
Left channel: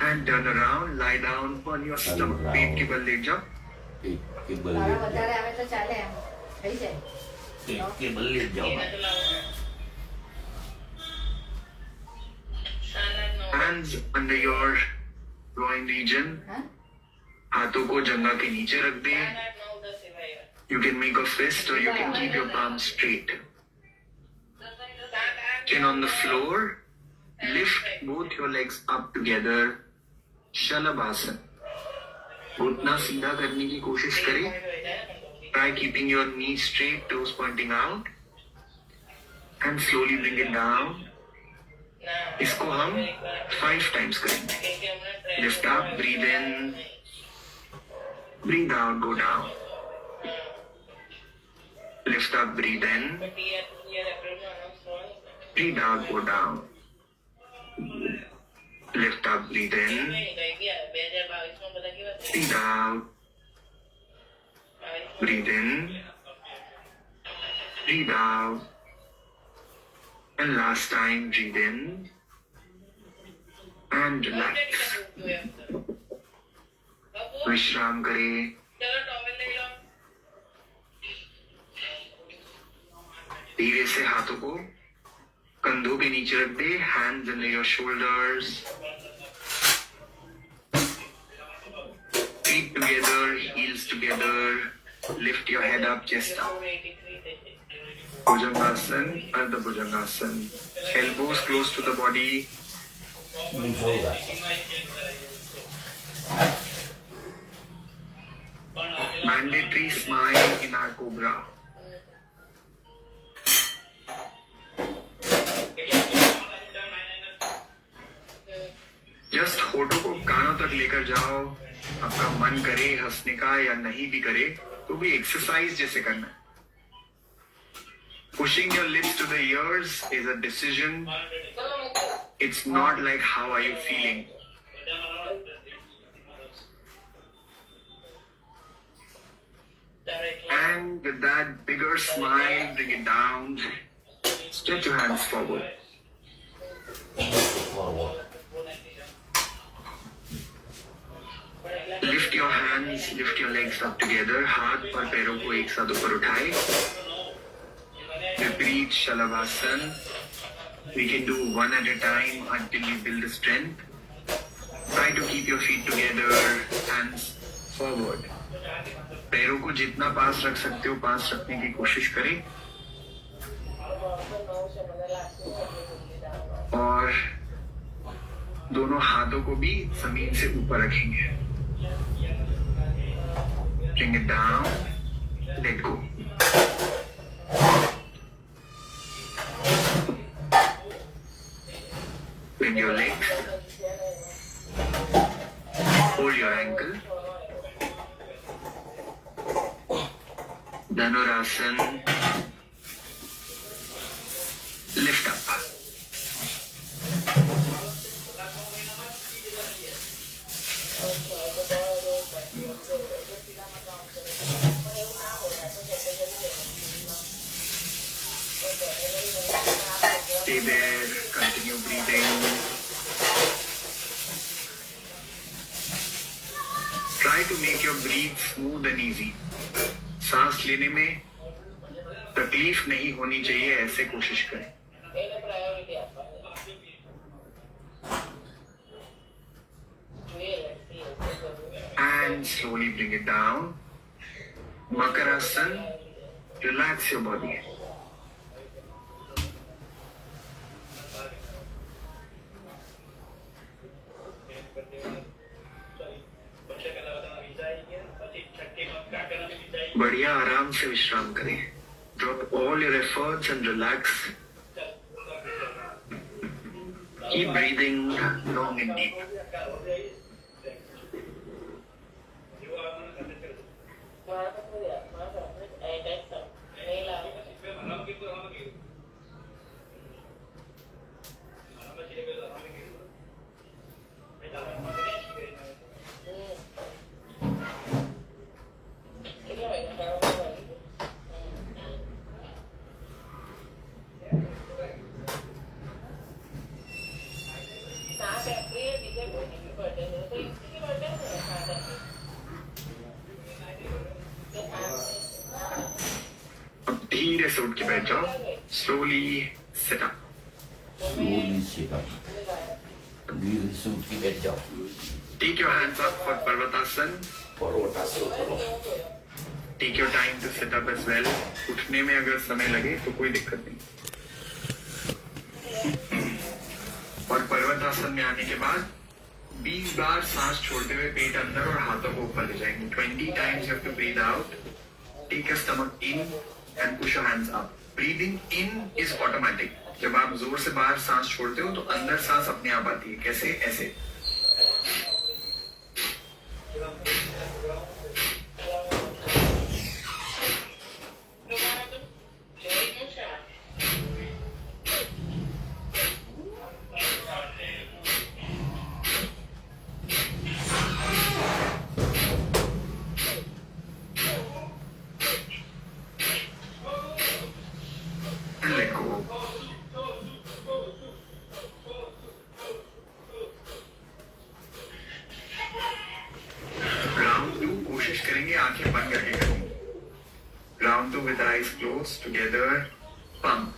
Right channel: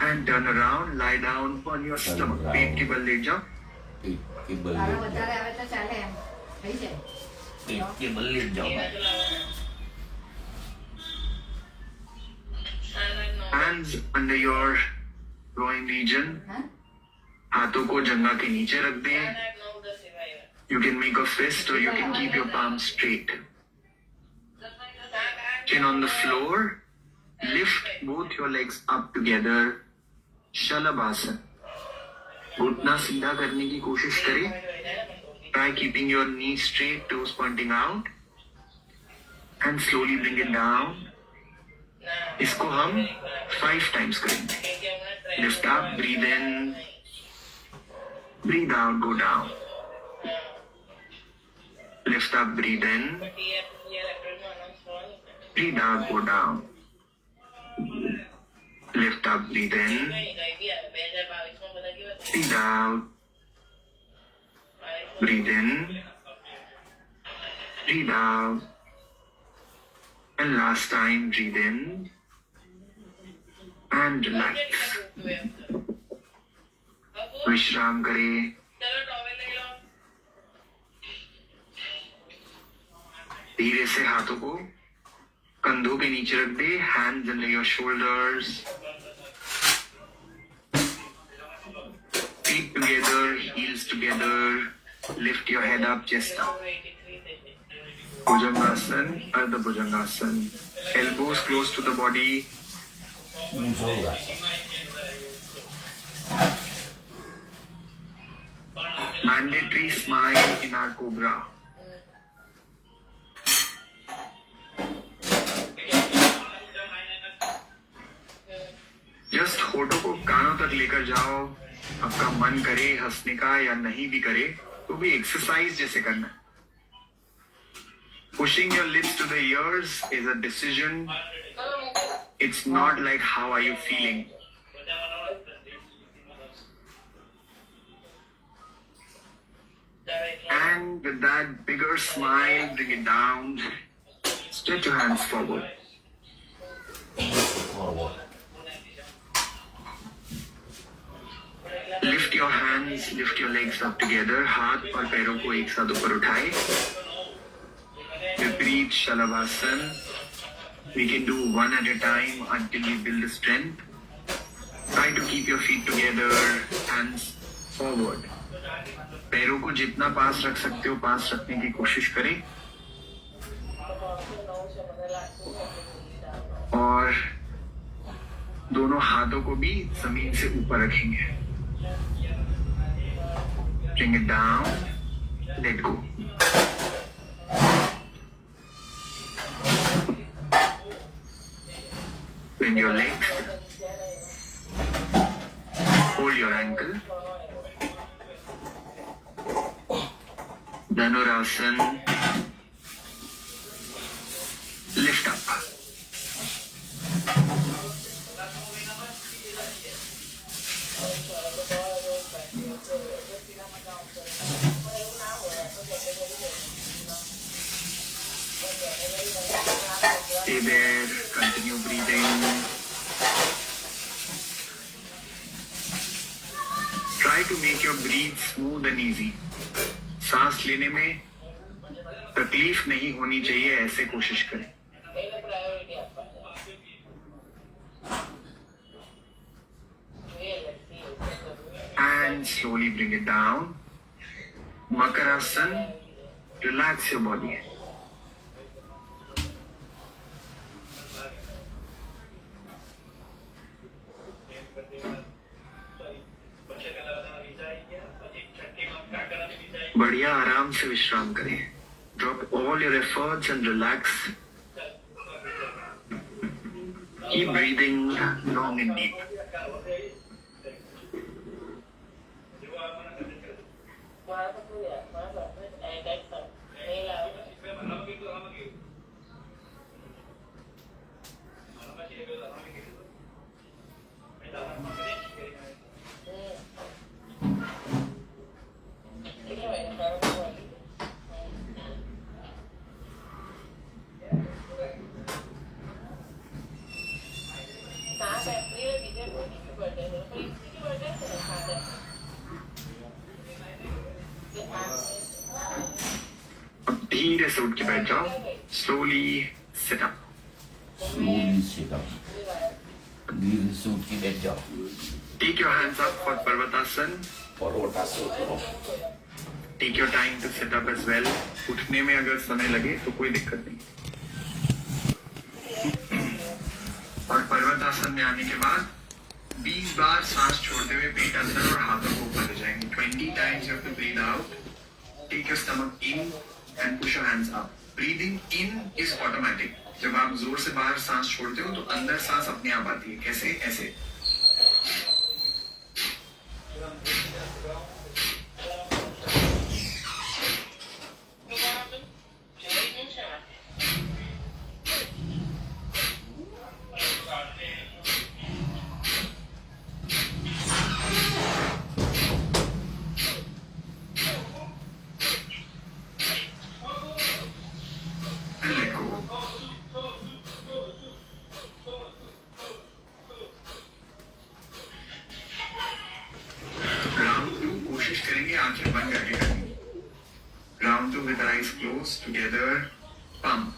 And turn around, lie down on your stomach. down. पेट के बल लेट जाओ. पेट के बल Kala लेट ko जाओ. dali ako sa chale. Ay siya. पेट के बल लेट जाओ भाई. Hands under your groin region. Ha? हाथों को जंघा के नीचे रख दे. You can make a fist or you can keep your palms straight. Chin on the floor. Lift both your legs up together. Shalabhasana. घुटना सीधा करने की कोशिश करें. Try keeping your knees straight, toes pointing out. And slowly bring it down. इसको हम 5 times करेंगे. Lift up, breathe in. Breathe out, go down. Lift up, breathe in. Breathe out, go down. Lift up, breathe in. Breathe out. Breathe in. Breathe out. And last time, breathe in. And relax. विश्राम करें. धीरे से हाथों को कंधों के नीचे रख दे. Hands under your shoulders. Feet together, heels together. Lift your head up, chest up. Bhujangasana, Ardha Bhujangasana. Elbows close to the body. Mandatory smile in our cobra. Just होठों को कानों तक लेकर जाओ. आपका मन करे हंसने का या नहीं भी करे तो भी एक्सरसाइज जैसे करना. Pushing your lips to the ears is a decision. It's not like how are you feeling. And with that bigger smile, bring it down. Stretch your hands forward. Forward. Lift your hands, lift your legs up together. हाथ और पैरों को एक साथ ऊपर उठाए. Repeat Shalabhasana. We can do one at a time until you build the strength. Try to keep your feet together, hands forward. पैरों को जितना पास रख सकते हो पास रखने की कोशिश करें. और दोनों हाथों को भी जमीन से ऊपर रखेंगे. Bring it down, let go. Bring your legs, hold your ankle. Dhanurasana, lift up. Stay there, continue breathing. Try to make your breathe smooth and easy. सांस लेने में तकलीफ नहीं होनी चाहिए, ऐसे कोशिश करें. And slowly bring it down. Makarasana, relax your body. बढ़िया आराम से विश्राम करें. Drop all your efforts and relax. Keep breathing long and deep. सीधे से उठ के बैठ जाओ. Slowly sit up. slowly sit up. धीरे से उठ के बैठ जाओ. Take your hands up for Parvatasana. पर्वतासन करो. Take your time to sit up as well. उठने में अगर समय लगे तो कोई दिक्कत नहीं. और पर्वतासन में आने के बाद 20 बार सांस छोड़ते हुए पेट अंदर और हाथों को ऊपर ले जाएंगे. 20 times you have to breathe out. Take your stomach in and push your hands up. Breathing in is automatic. जब आप जोर से बाहर सांस छोड़ते हो तो अंदर सांस अपने आप आती है. कैसे? ऐसे. And let go. Round 2 कोशिश करेंगे आंखें बंद करके करनी. Round 2 with eyes closed together. Pump.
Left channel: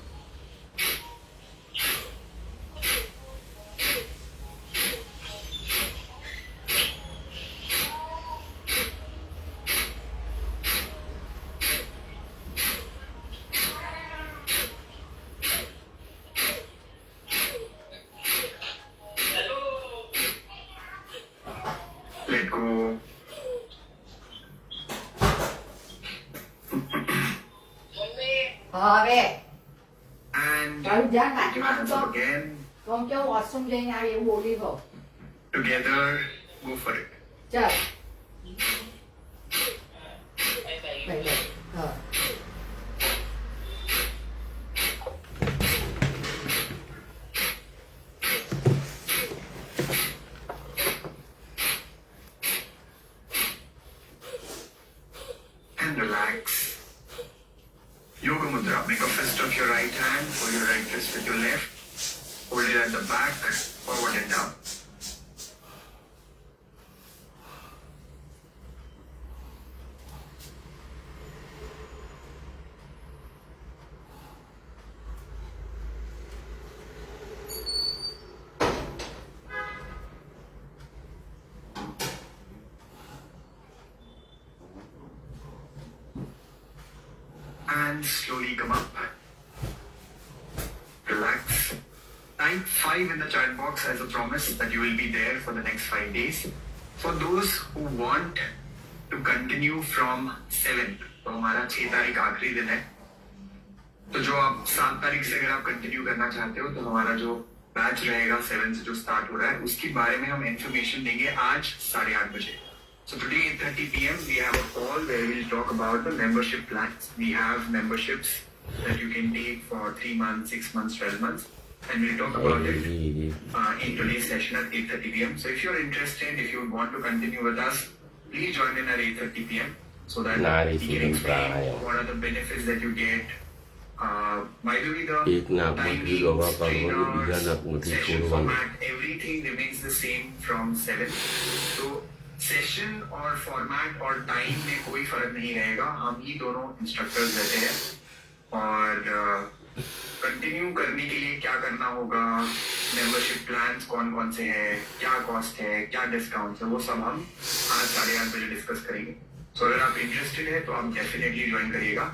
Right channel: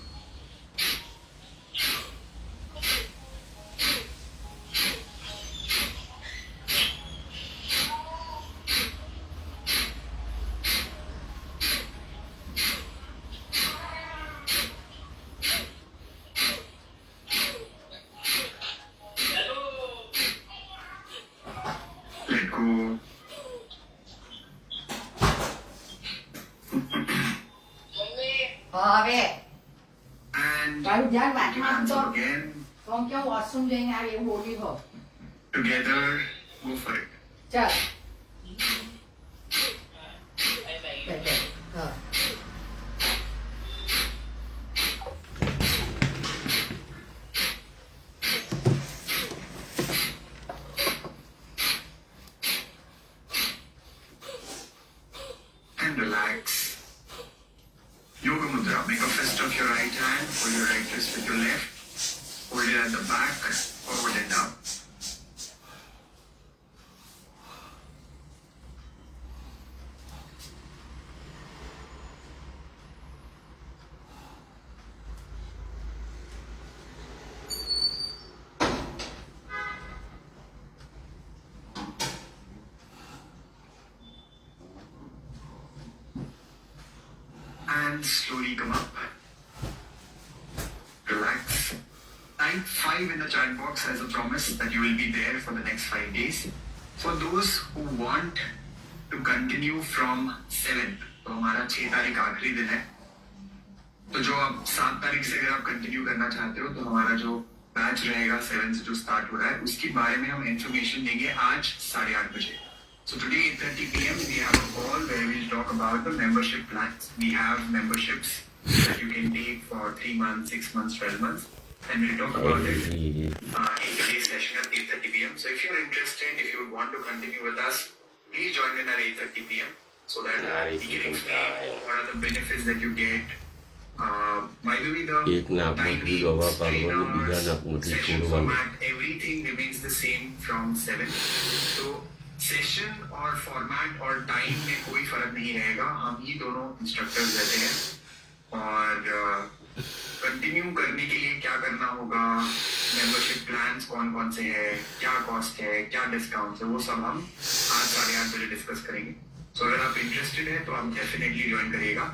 Let go. Rồi, And rồi dán lại take your con hands up cho again. con cho ngọt xung dây ngay yếu bộ đi hộ. Together. Go for it. Chờ. Vậy được. Rồi. And relax. Yoga Mudra. Make a fist of your right hand or your right wrist with your left. Hold it at the back, forward and down. And slowly come up. Relax. Type 5 in the chat box as a promise that you will be there for the next 5 days. For those who want to continue from 7th, तो हमारा 6 तारीख आखिरी दिन है. तो जो आप 7 तारीख से अगर आप कंटिन्यू करना चाहते हो तो हमारा जो बैच रहेगा 7 से जो स्टार्ट हो रहा है उसके बारे में हम इंफॉर्मेशन देंगे आज 8:30 बजे. So today 8:30 p.m. we have a call where we'll talk about the membership plans. We have memberships that you can take for 3 months, 6 months, 12 months. And we'll talk about it in today's session at 8:30 p.m. So if you're interested, if you would want to continue with us, please join in at 8:30 p.m. So that we can explain what are the benefits that you get. By the way, the એક નાકમાંથી દવા કાઢવાની, બીજા નાકમાંથી session છોડવાની. format, everything remains the same from 7. So session और format और time में कोई फर्क नहीं रहेगा. हम ही दोनों इंस्ट्रक्टर्स रहते हैं और कंटिन्यू करने के लिए क्या करना होगा, मेंबरशिप प्लान्स कौन कौन से हैं, क्या कॉस्ट है, क्या डिस्काउंट है, वो सब हम आज 8:30 बजे डिस्कस करेंगे. सो अगर आप इंटरेस्टेड है तो आप डेफिनेटली ज्वाइन करिएगा.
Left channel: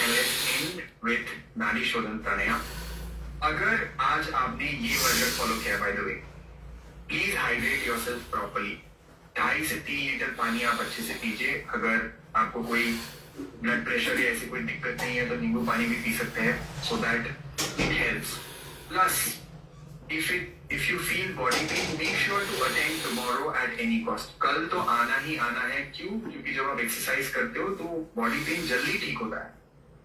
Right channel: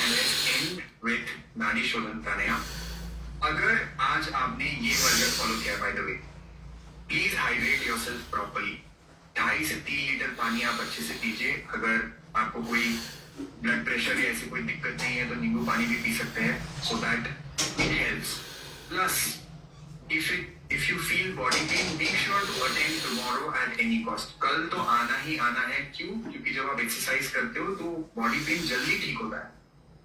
And let's end with nadi shodhana प्राणायाम. अगर आज आपने ये वर्जन फॉलो किया by the way, please hydrate yourself properly. 2.5 से 3 लीटर पानी आप अच्छे से पीजिए. अगर आपको कोई ब्लड प्रेशर या ऐसी कोई दिक्कत नहीं है तो नींबू पानी भी पी सकते हैं, so that it helps. Plus if you feel body pain, make sure to attend tomorrow at any cost. कल तो आना ही आना है. क्यों? क्योंकि जब आप एक्सरसाइज करते हो तो बॉडी पेन जल्दी ठीक होता है,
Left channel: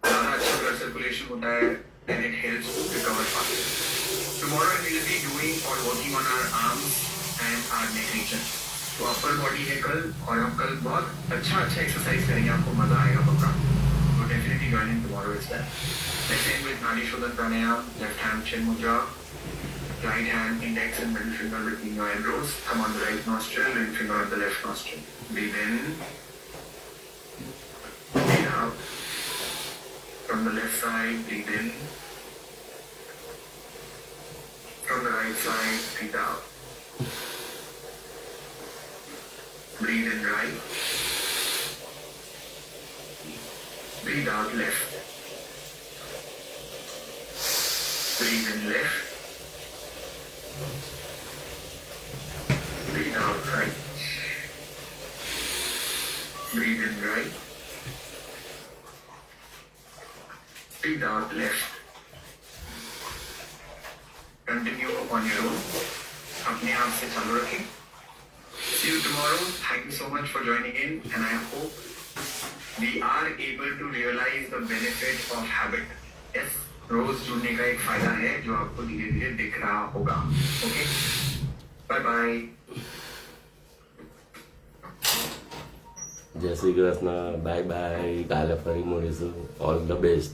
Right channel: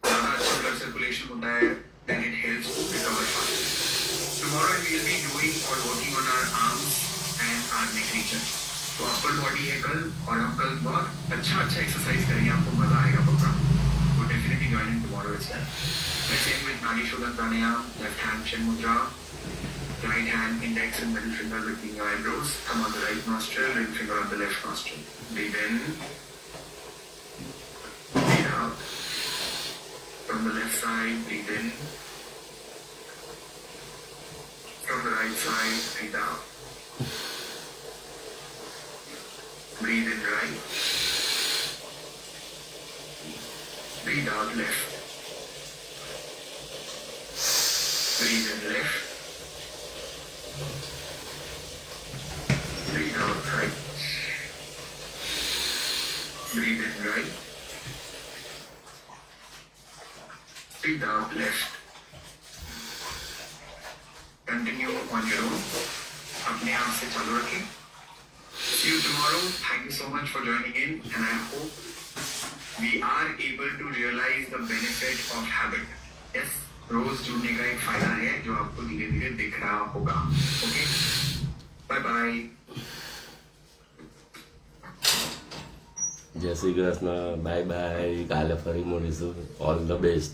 ज्यादा अच्छा ब्लड सर्कुलेशन होता है, and it helps to recover fast. Tomorrow we will be doing और working on our arms and our neck region. तो अपर बॉडी है कल, और हम कल बहुत अच्छा एक्सरसाइज करेंगे, आपको मजा आएगा पक्का. तो definitely join tomorrow is that. Let's end with nadi shodhana pranayama. Left hand chin mudra, right hand index and middle finger between your eyebrows, thumb on the right nostril, ring finger on the left nostril. Breathe in, breathe out. From the left side, breathe in. From the right side, breathe out. Breathe in right. Breathe out left. Breathe in left. Breathe out right. Breathe in right. Breathe out left. Continue on your own. अपने आप से चालू रखें. See you tomorrow. Thank you so much for joining in, and I hope we are able to realize the benefit of habit. Yes, रोज जुड़ने का एक फायदा है जो आपको धीरे धीरे दिख रहा होगा. Okay. Bye bye. જય શ્રી કૃષ્ણ, બાય બાય, કાલે ફરી મળીશું. All the best.